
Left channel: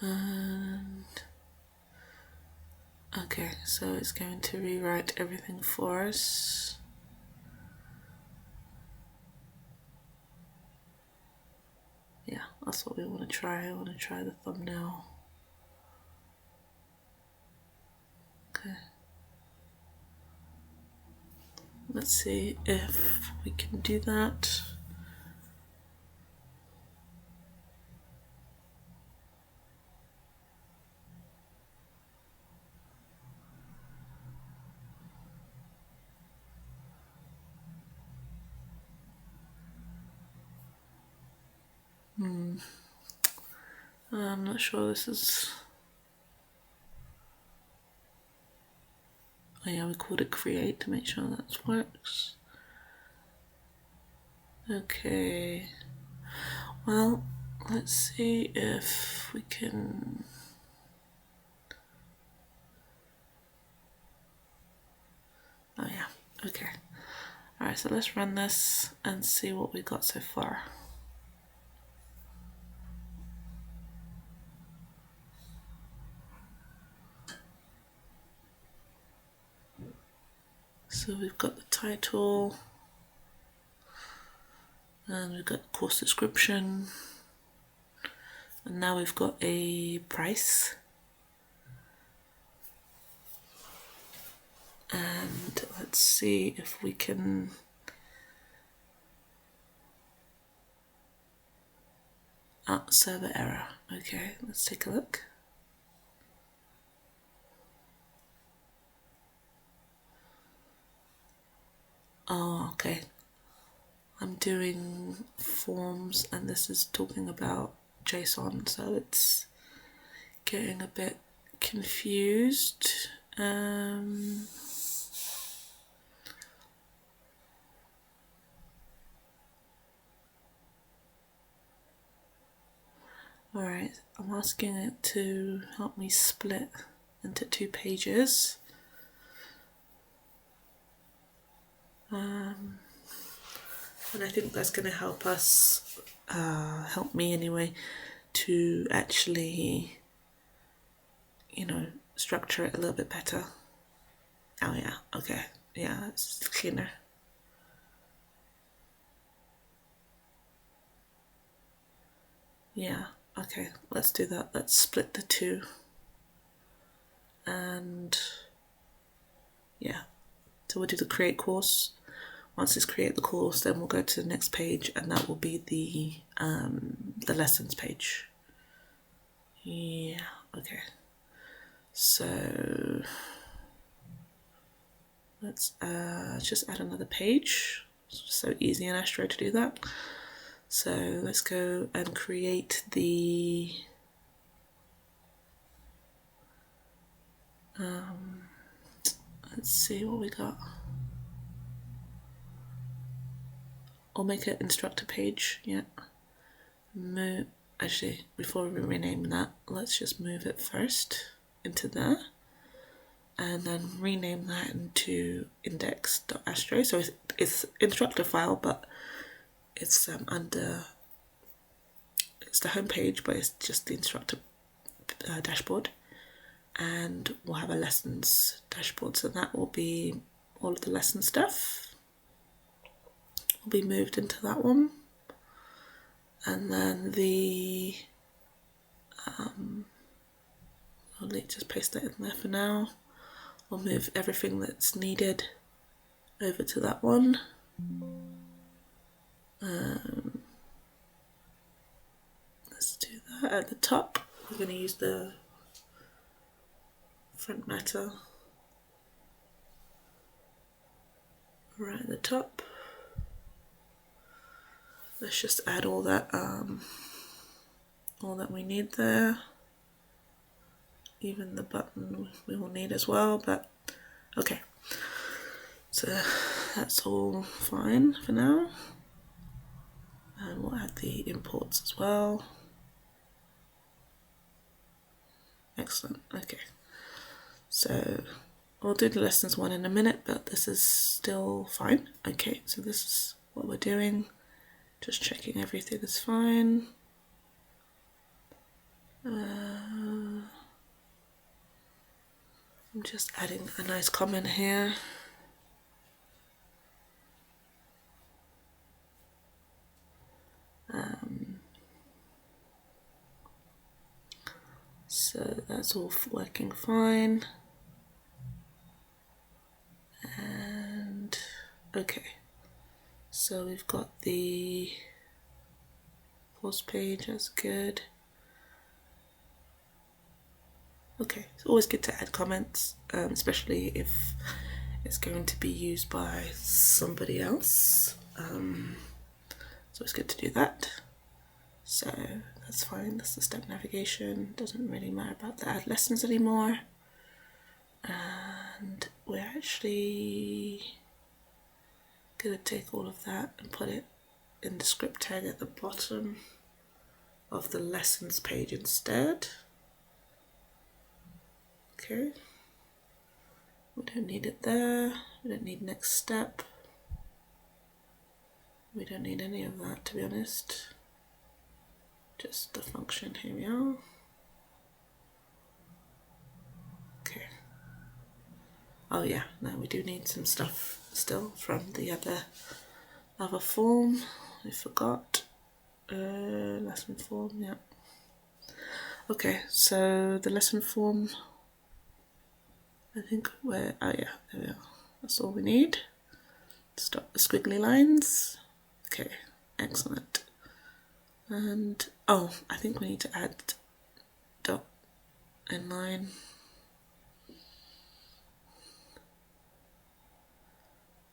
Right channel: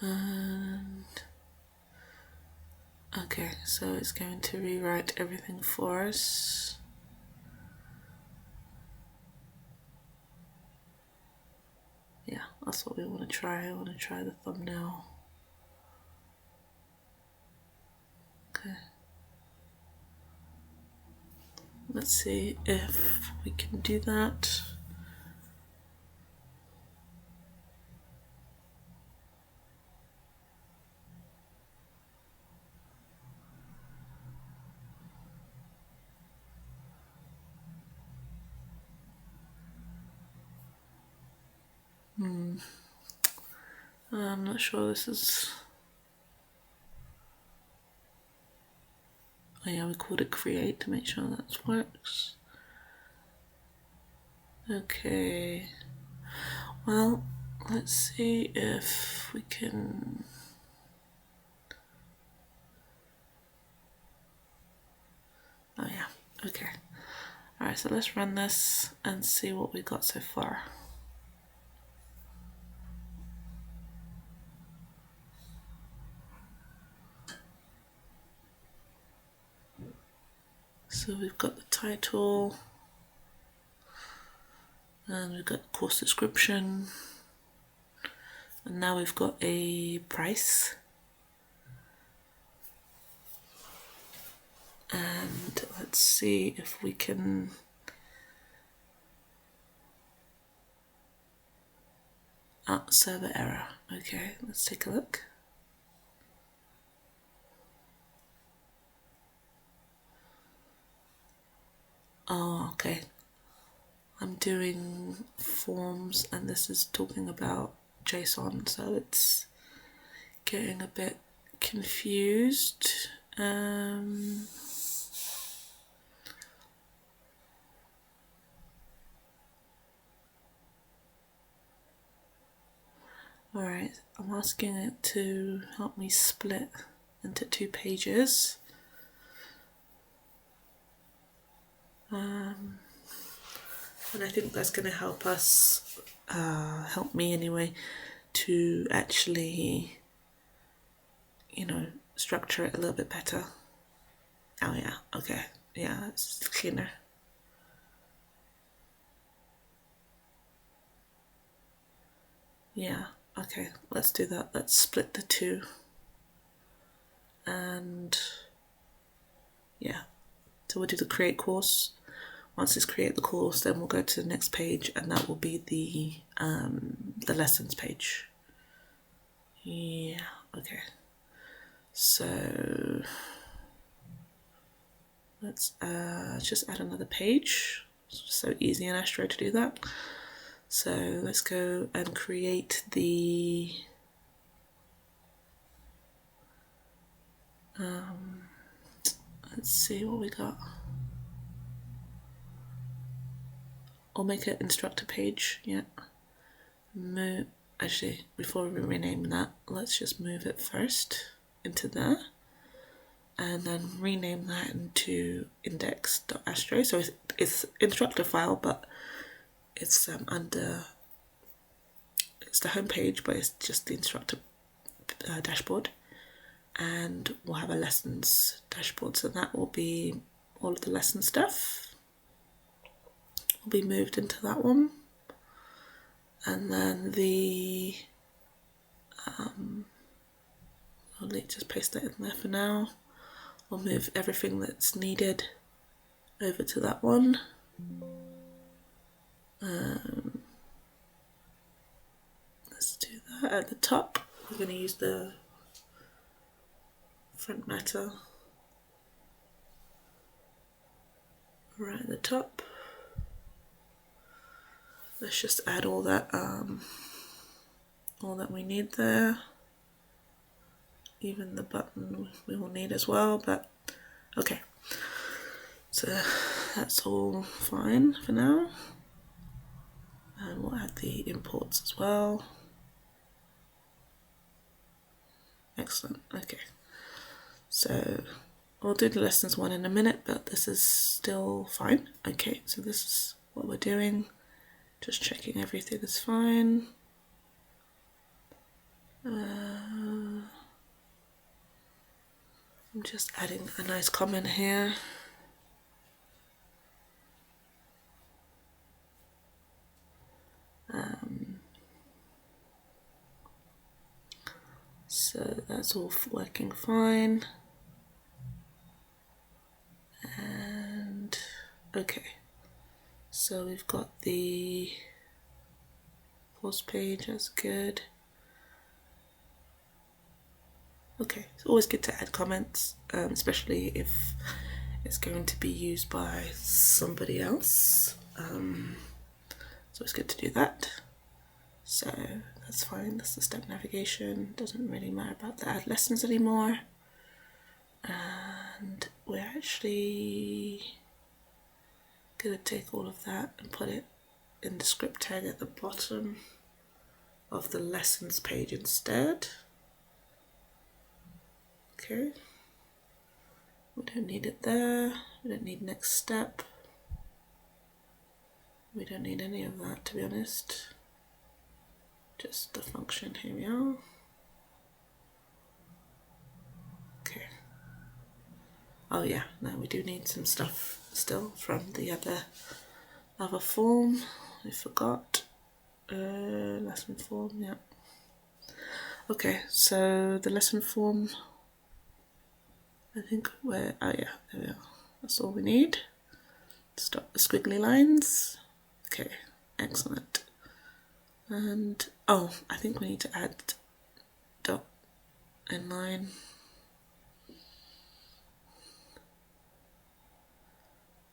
And okay, so it's going to rewrite everything for us. Yeah, that's what we want to try. I want to try the thumbnail. Okay. Let's see if we can do that. I'm not sure this is... Oh yeah, we called it create to make sure that works. Okay. Well, let's see if we can... Oh yeah, okay. Alright, so let's run this and see what we got so far. So we've got the title, and we've got course description, and now we've got a price. And let's see if we can... server error. Okay, let's take a look. Oh, okay. I'm doing forms and this is talking about JSON, so it's getting a bit confused. Alright, I'm asking it to help me split into 2 pages. And I think that's going to help us, help me anyway, to actually, you know, structure it a little bit better. Oh yeah, okay, yeah, it's cleaner. Yeah, okay, let's do that. Let's split the 2. And yeah, so we'll do the create course. Once it's create the course, then we'll go to the next page, and that will be the lessons page. Yeah, okay. So let's just add another page. It's so easy in Astro to do that. So let's go and create the let's see what we got. I'll make an instructor page, yeah. Actually, before we rename that, let's just move it first into there. And then rename that into index.astro. So it's instructor file, but it's under, it's the home page, but it's just the instructor dashboard. And we'll have a lessons dashboard. So that will be all of the lesson stuff will be moved into that one. And then the, I'll just paste that in there for now. We'll move everything that's needed over to that one. Let's do that at the top. We're going to use the front matter right at the top. Let's just add all that we need there. Even the button we will need as well, but okay. So that's all fine for now. And we'll add the imports as well. Excellent, okay. So we'll do the lessons 1 in a minute, but this is still fine. Okay, so this is what we're doing. Just checking everything is fine. I'm just adding a nice comment here. So that's all working fine. And okay. So we've got the course page, that's good. Okay, it's always good to add comments, especially if it's going to be used by somebody else. So it's good to do that. So that's fine, that's the step navigation. Doesn't really matter about the add lessons anymore. And we're actually going to take all of that and put it in the script tag at the bottom of the lessons page instead. Okay, we don't need it there, we don't need next step, we don't need any of that, to be honest, just the function. Here we are. Okay, oh yeah, no, we do need some stuff still from the other form. I forgot. Lesson form, yeah. Okay, so the lesson form, I think we're, oh yeah, there we are. That's all we need. Stop the squiggly lines. Okay, excellent. And, oh, I think we need to add dot inline.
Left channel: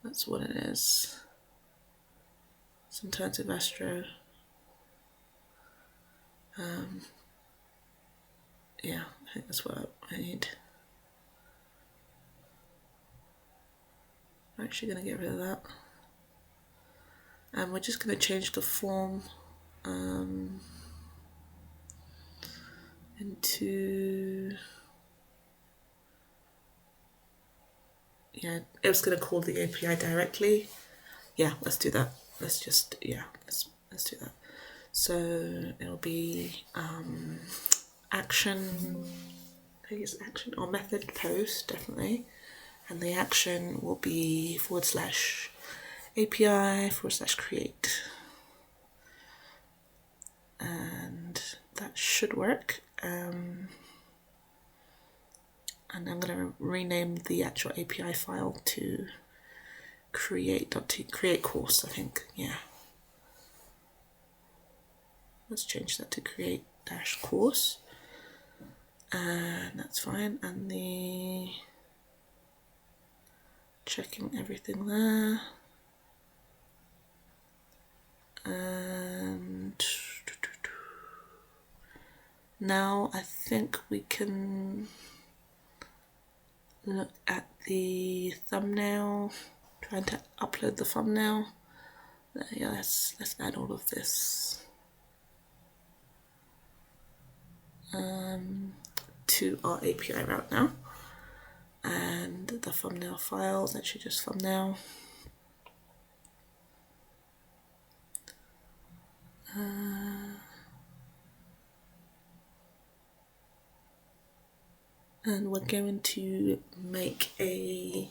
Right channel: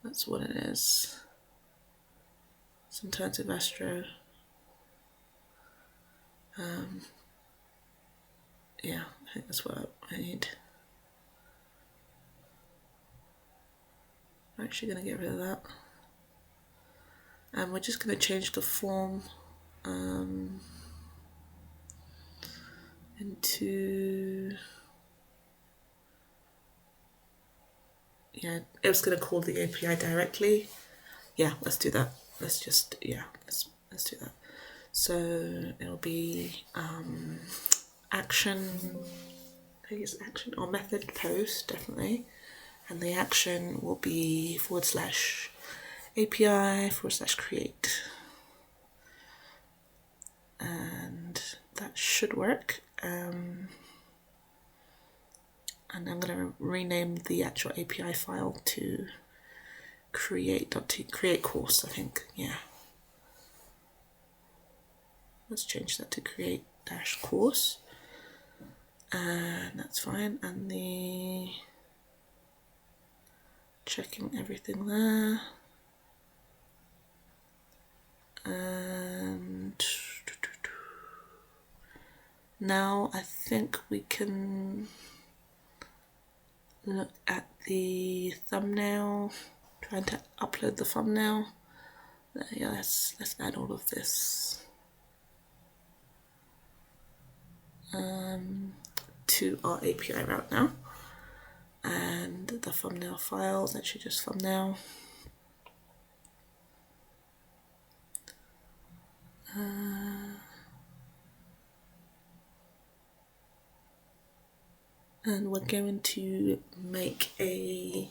That's what it is. Sometimes with Astro. Yeah, I think that's what I need. I'm actually going to get rid of that. And we're just going to change the form into... Yeah, it was going to call the API directly. Yeah, let's do that. Let's just, yeah, let's do that. So it'll be action, I think it's action or method post, definitely. And the action will be /API/create. And that should work. And I'm going to rename the actual API file to create course, I think, yeah. Let's change that to create-course. And that's fine. And the checking everything there. And now I think we can look at the thumbnail, trying to upload the thumbnail. Yeah, let's add all of this to our API route now. And the thumbnail file is actually just thumbnail. And we're going to make I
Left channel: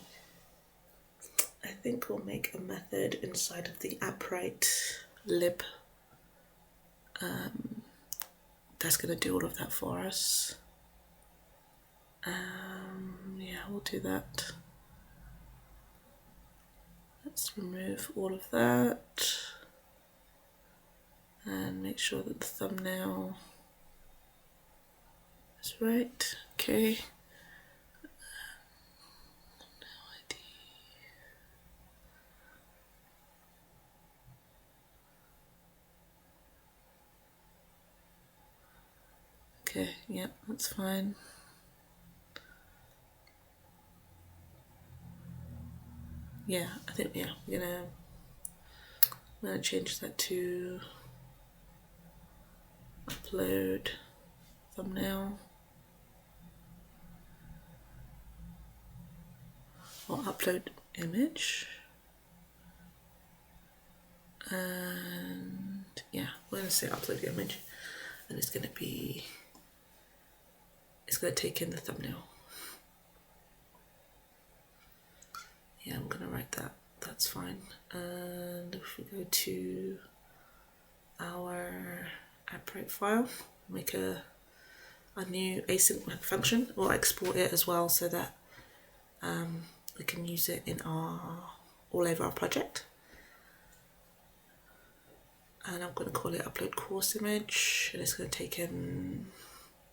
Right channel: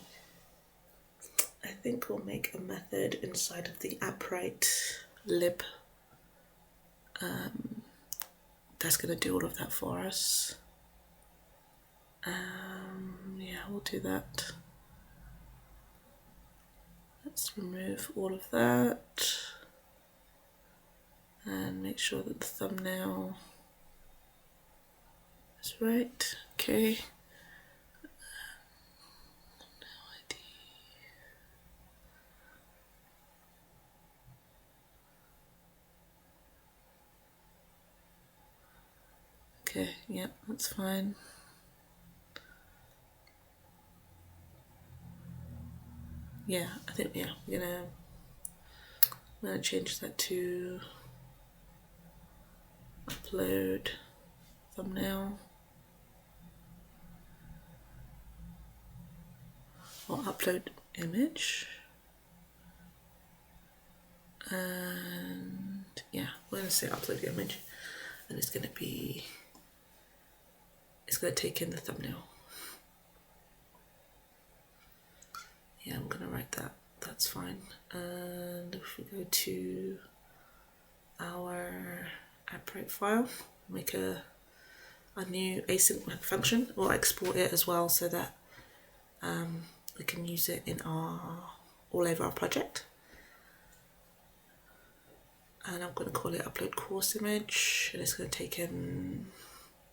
think we'll make a method inside of the Appwrite lib. That's going to do all of that for us. Yeah, we'll do that. Let's remove all of that and make sure that the thumbnail is right. Okay. Okay, yeah, that's fine. Yeah, I think, yeah, I'm gonna change that to upload thumbnail or upload image. And yeah, we're gonna say upload image, and it's gonna take in the thumbnail. Yeah, I'm gonna write that. That's fine. And if we go to our Appwrite file, make a new async function, or export it as well, so that we can use it in all over our project. And I'm going to call it upload course image, and it's going to take in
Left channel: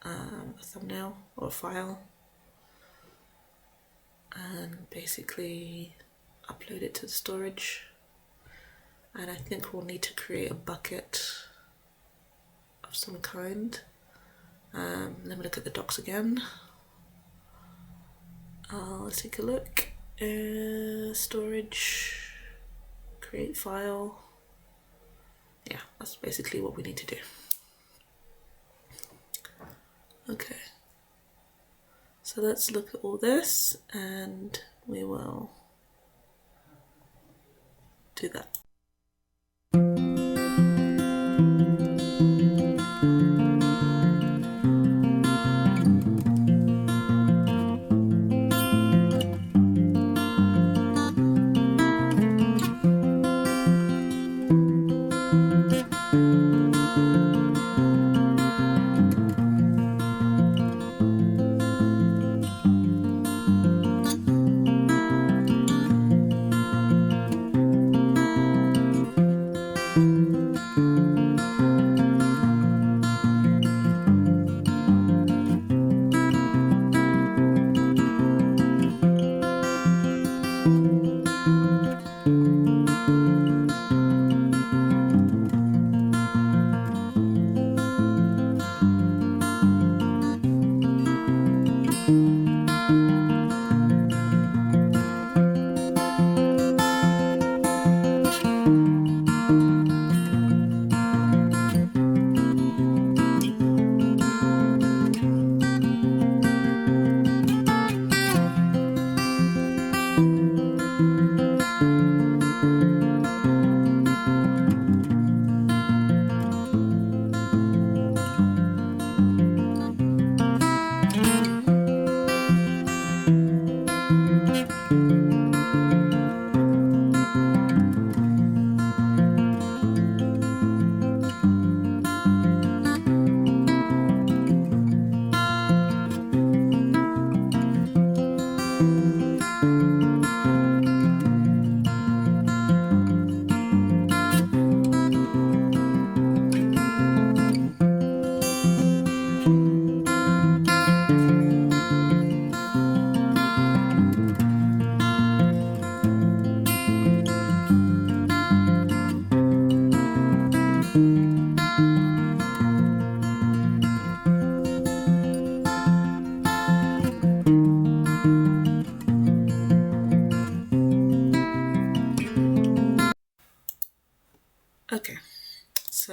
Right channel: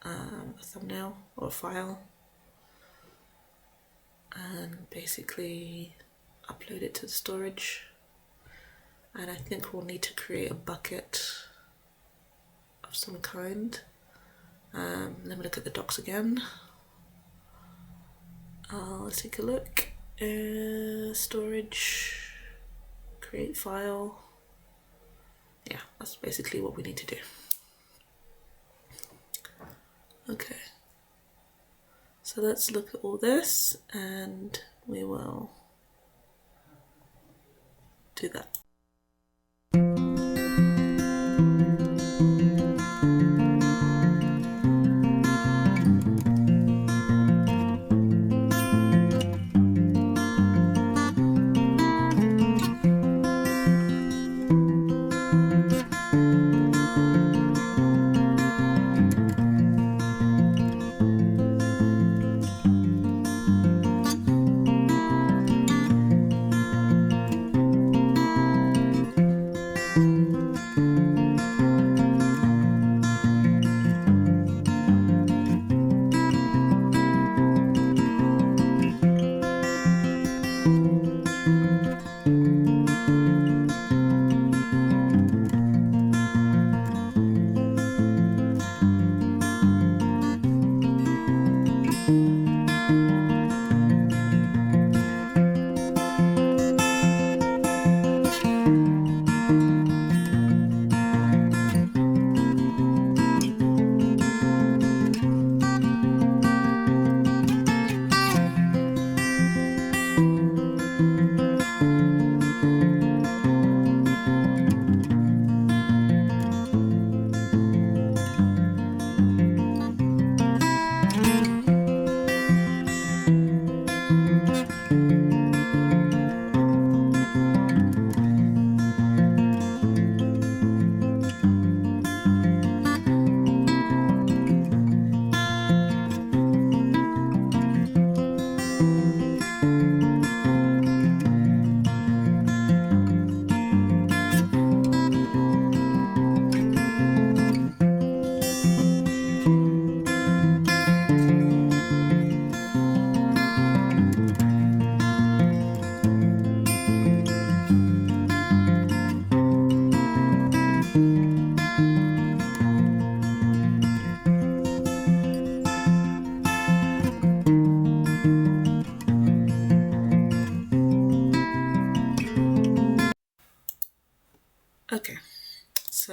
a thumbnail or a file, and basically upload it to the storage. And I think we'll need to create a bucket of some kind. Let me look at the docs again. Let's take a look. Storage, create file. Yeah, that's basically what we need to do. Okay. So let's look at all this, and we will do that.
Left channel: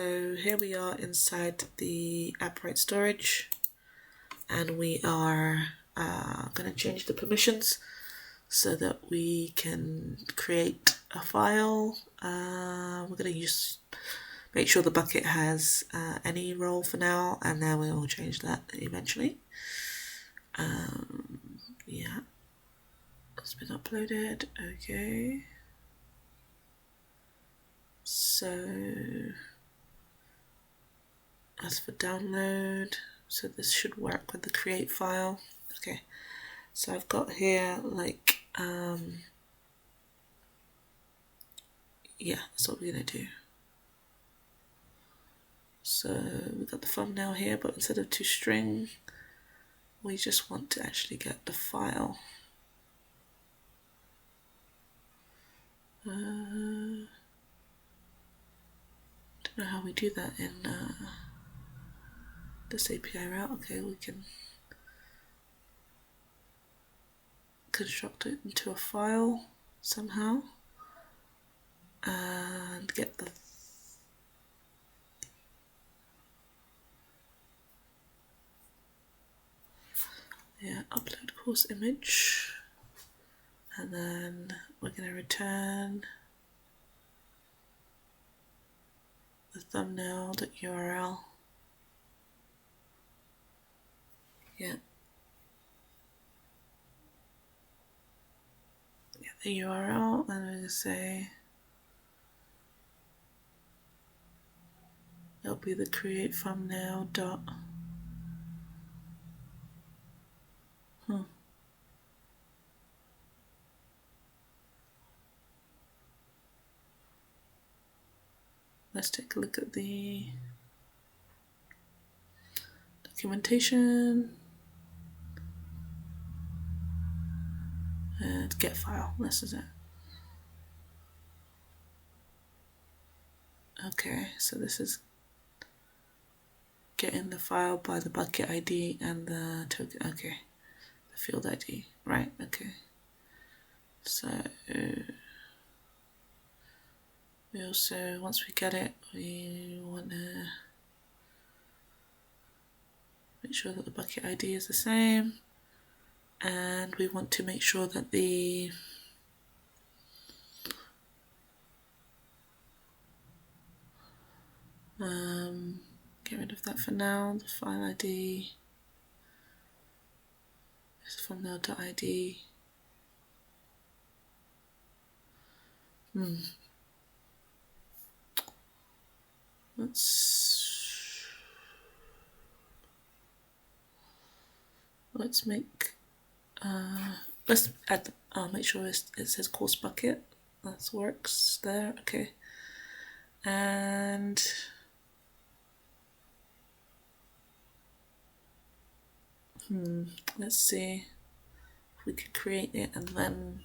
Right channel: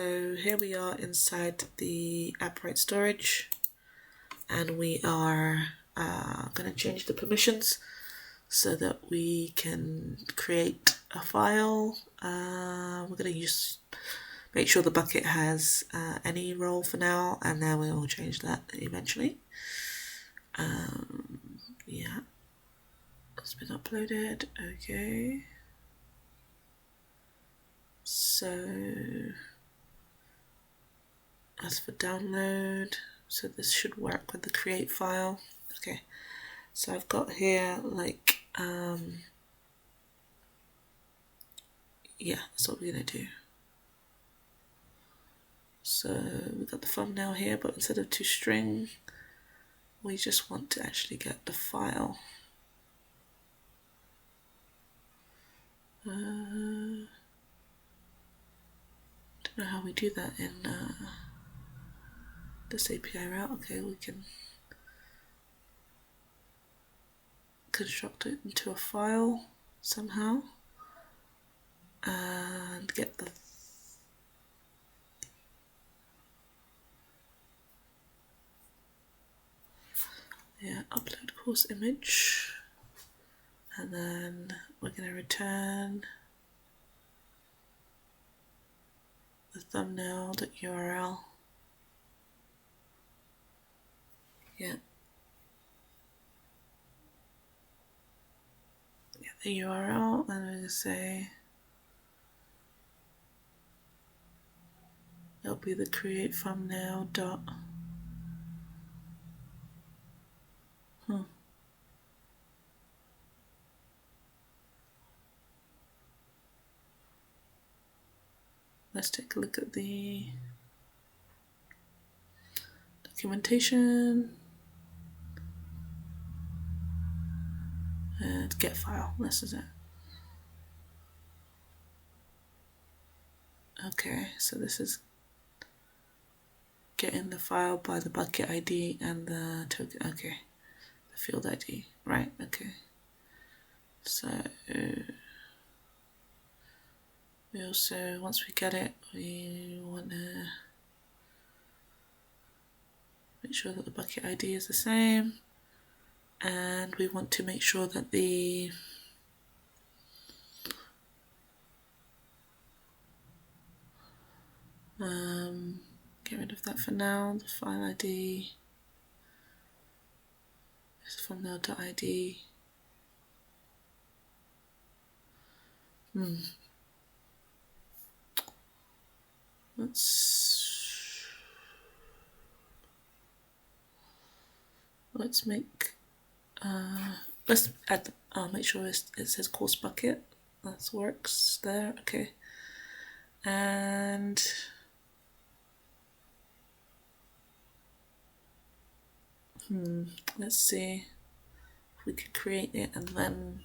So here we are inside the Appwrite storage, and we are going to change the permissions so that we can create a file. We're going to make sure the bucket has any role for now, and then we will change that eventually. Yeah, it's been uploaded. Okay. So as for download, so this should work with the create file. Okay, so I've got here like yeah, that's what we're gonna do. So we've got the thumbnail here, but instead of toString, we just want to actually get the file. Don't know how we do that in this API route. Okay, we can construct it into a file somehow and get the upload course image, and then we're going to return the thumbnail.url. Yeah, the URL, and we're going to say it'll be the create thumbnail dot. Let's take a look at the documentation and get file. This is it. Okay, so this is getting the file by the bucket ID and the token. Okay, the field ID. Right. Okay. So we also, once we get it, we want to make sure that the bucket ID is the same, and we want to make sure that the get rid of that for now. The file ID is thumbnail.id. Let's make let's add make sure it says course bucket. That works there. Okay, and let's see if we could create it and then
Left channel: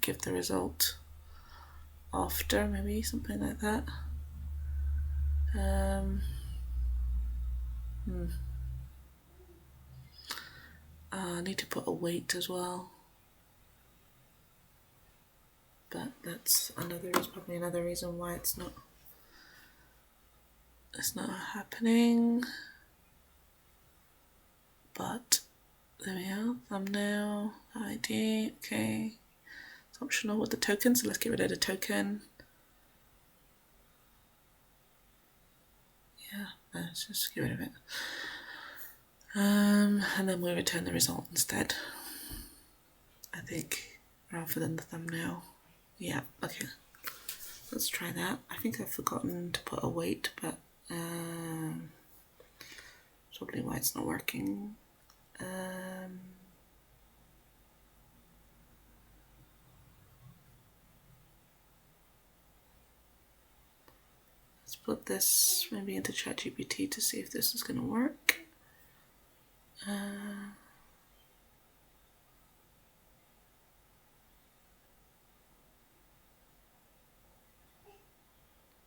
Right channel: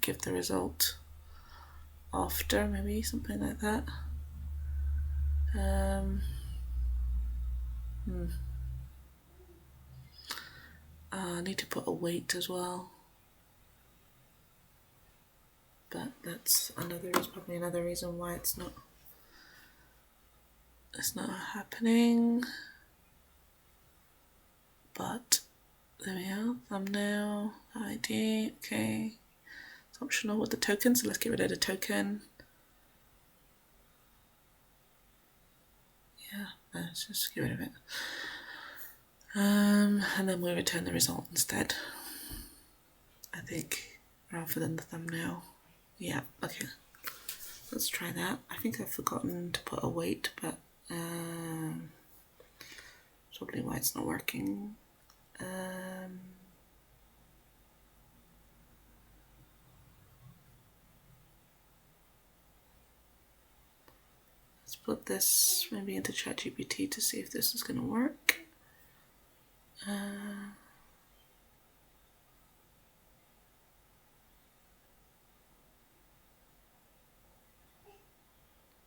give the result after, maybe something like that. I need to put a weight as well, but that's probably another reason why it's not happening. But there we are, thumbnail ID. Okay, it's optional with the token, so let's get rid of the token. Yeah, let's just get rid of it. And then we return the result instead, I think, rather than the thumbnail. Yeah, okay. Let's try that. I think I've forgotten to put a weight, but probably why it's not working. Let's put this maybe into ChatGPT to see if this is going to work.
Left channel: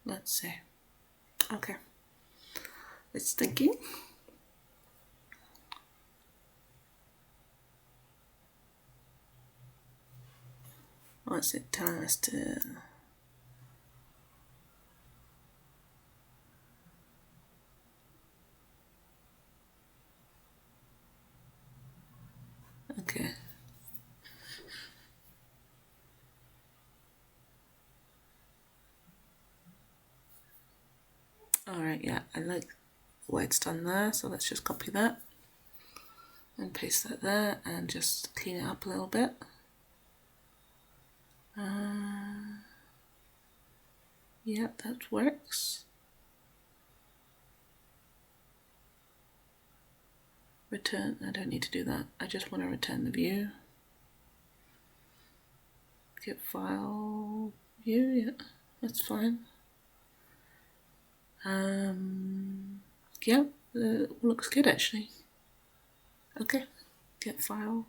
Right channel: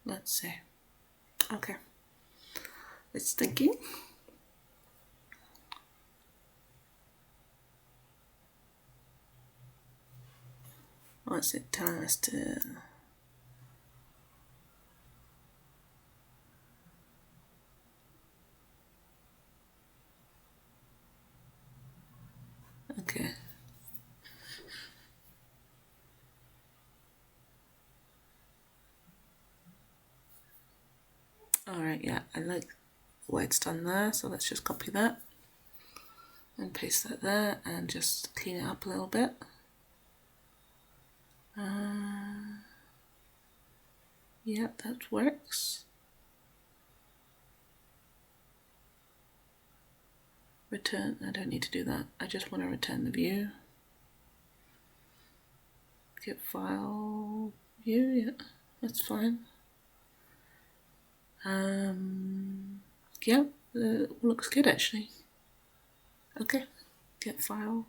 Let's see. Okay. It's thinking. What's it telling us to? yeah, I like what it's done there, so let's just copy that and paste that there and just clean it up a little bit. Yep, that works. Return, I don't need to do that. I just want to return the view. Get file view, yeah, that's fine. Yeah, looks good actually. Okay, get file.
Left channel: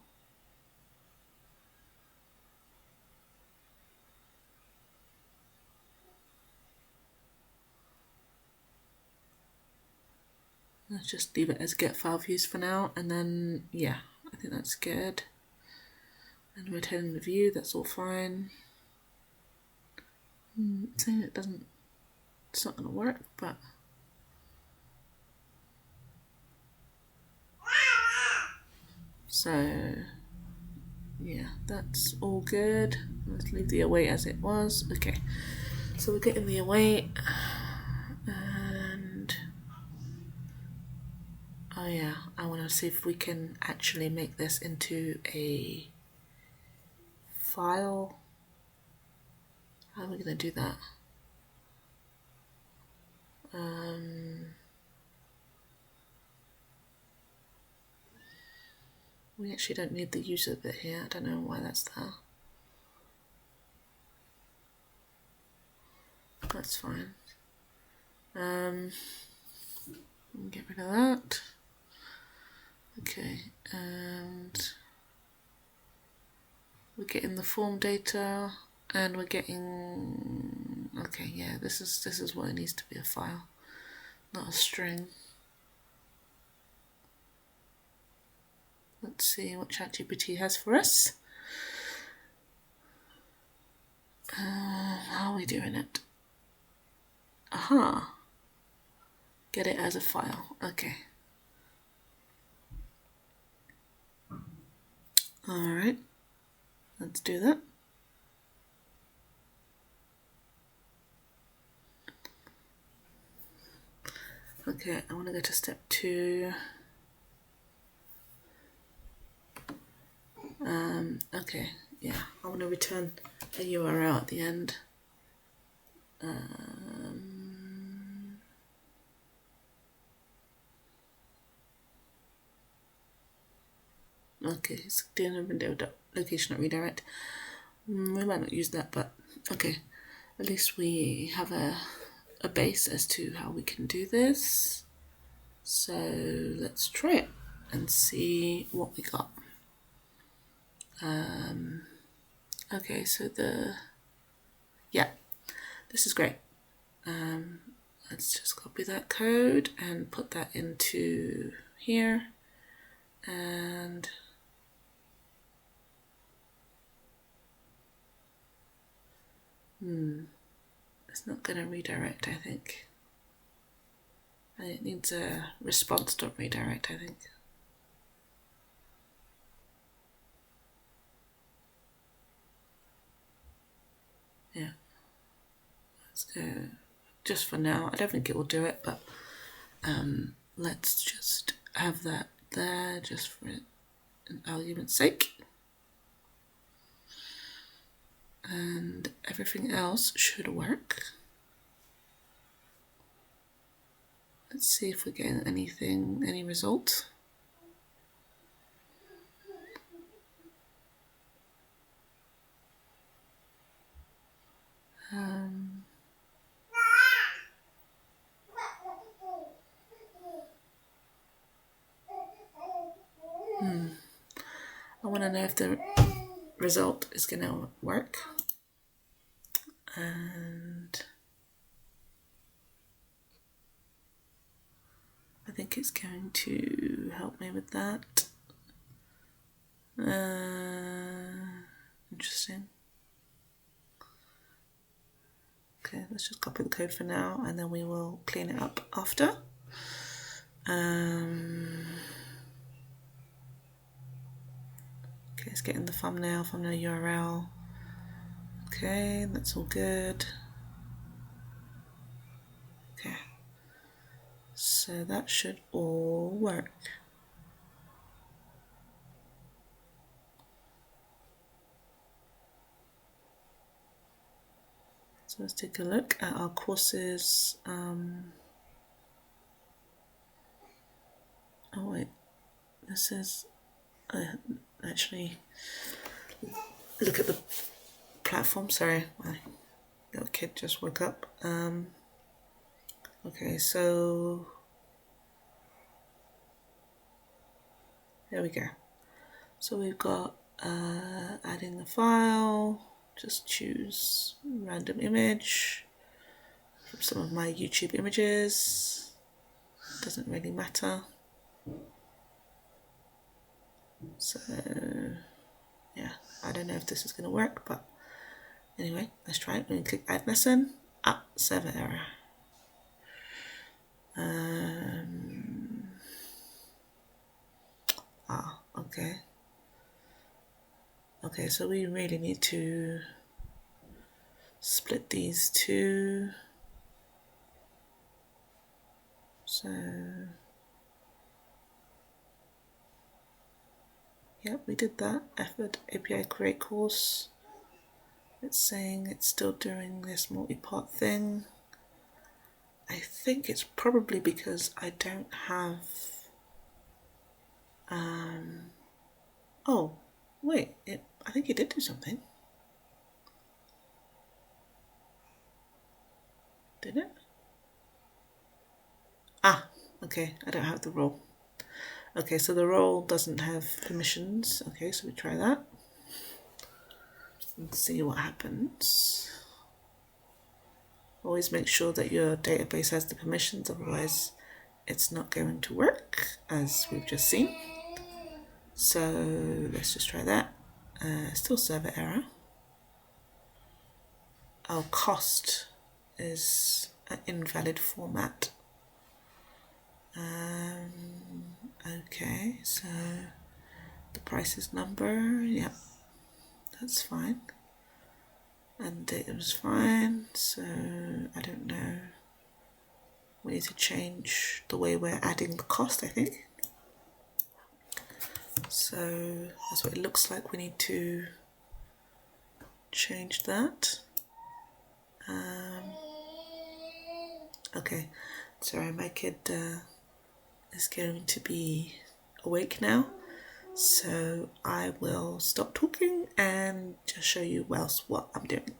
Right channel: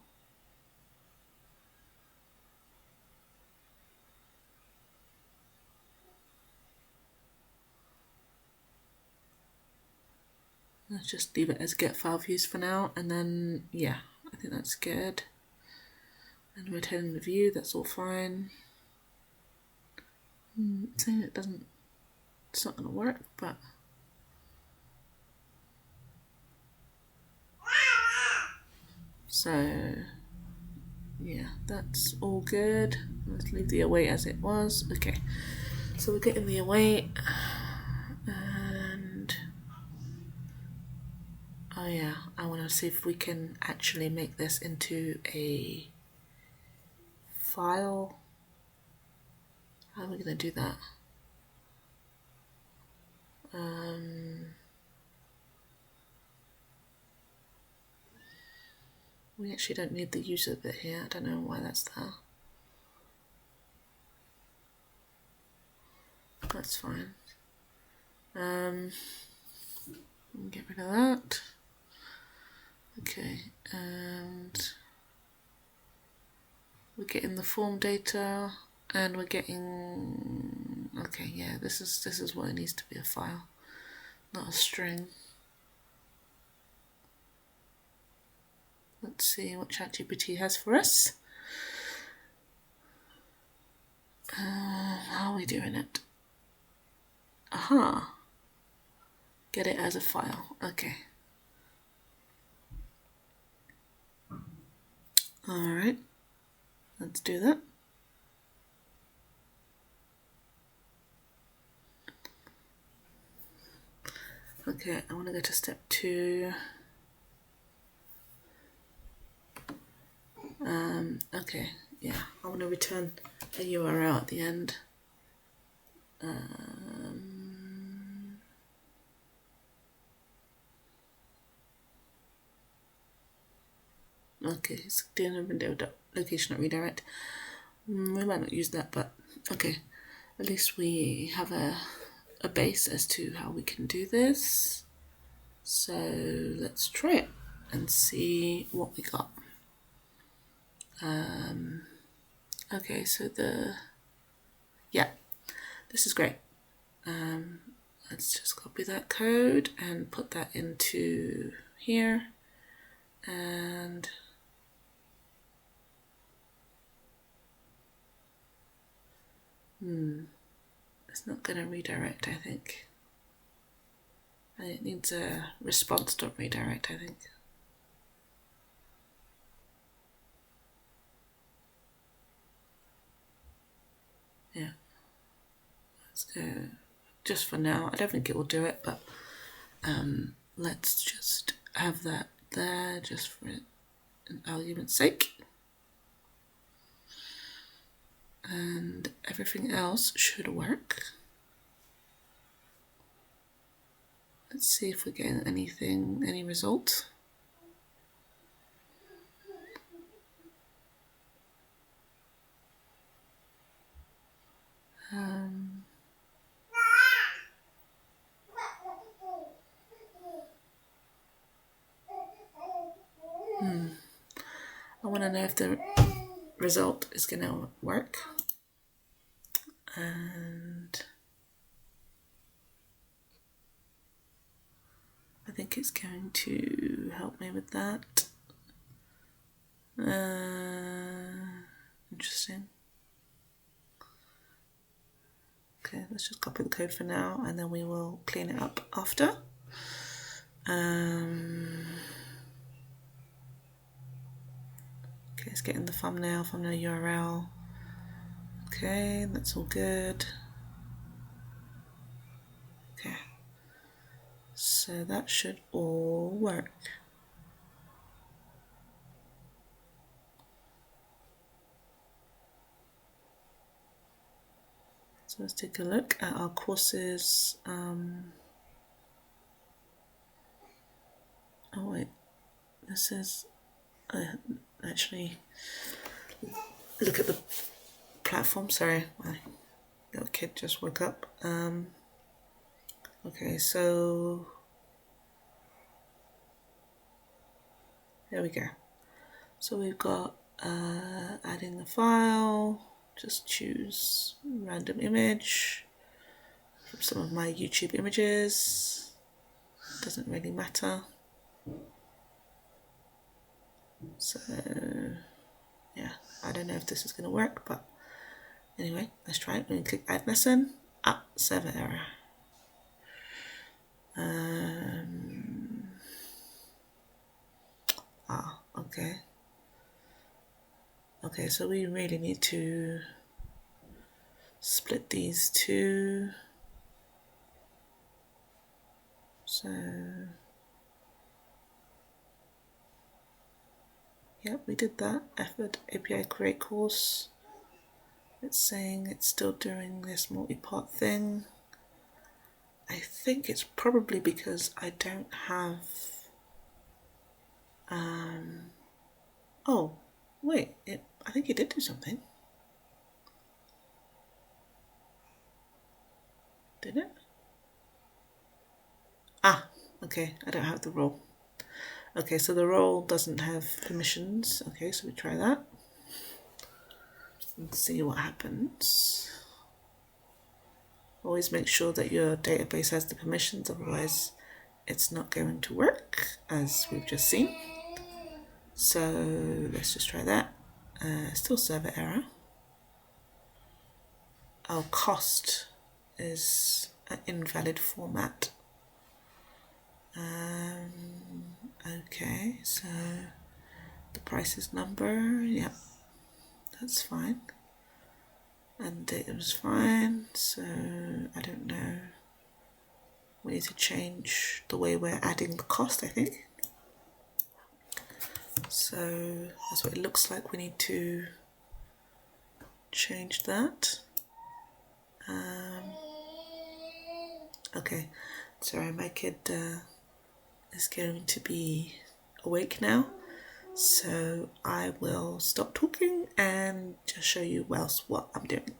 Let's just leave it as get file views for now, and then yeah, I think that's good. And returning the view, that's all fine. Saying it doesn't, it's not going to work, but so yeah, that's all good. Let's leave the await as it was. Okay, so we're getting the await, and oh yeah, I want to see if we can actually make this into a file. How are we going to do that? We actually don't need the user bit here. I don't know why that's there. That's fine. Get rid of that. Okay, and we're getting the form data, and we're getting. Okay, yeah, this is what it needs to be, a file, not a string. Let's see what ChatGPT has for us. How are we doing it? Aha. Get it as a file. Okay. Alright. Let's do that. Okay, I want to go to step 2. Okay, yeah, I want to return a URL at the end. Okay, it's doing a window location at redirect. We might not use that, but okay. At least we have a base as to how we can do this. So let's try it and see what we got. Okay, so yeah, this is great. Let's just copy that code and put that into here, and it's not going to redirect, I think. And it needs a response.redirect, I think. Yeah, let's go just for now. I don't think it will do it, but let's just have that there just for an argument's sake. And everything else should work. Let's see if we're getting any result. I want to know if the result is going to work. And I think it's going to help me with that. Interesting. Okay, let's just copy the code for now, and then we will clean it up after. Okay, let's get in the thumbnail URL. Okay, that's all good. Okay, So that should all work. So let's take a look at our courses. Oh wait, this is actually look at the platform. Sorry, my little kid just woke up. Okay, so there we go. So we've got adding the file. Just choose random image from some of my YouTube images. Doesn't really matter. So yeah, I don't know if this is going to work, but anyway, let's try it. We're going to click add lesson. Server error. Okay. Okay, so we really need to split these two. So yep, we did that. Effort API create course. It's saying it's still doing this multi-part thing. I think it's probably because I don't have oh wait, I think it did do something. Did it? Okay, I don't have the role. Okay, so the role doesn't have permissions. Okay, so we try that and see what happens. Always make sure that your database has the permissions, otherwise it's not going to work, as we've just seen. So let's just try that. Still server error. Our cost is an invalid format. Okay, so the price is number, yep, that's fine. And data was fine, so I don't know. We need to change the way we're adding the cost, I think. So that's what it looks like. We need to change that. Okay, sorry, my kid is going to be awake now, so I will stop talking and just show you what I'm doing.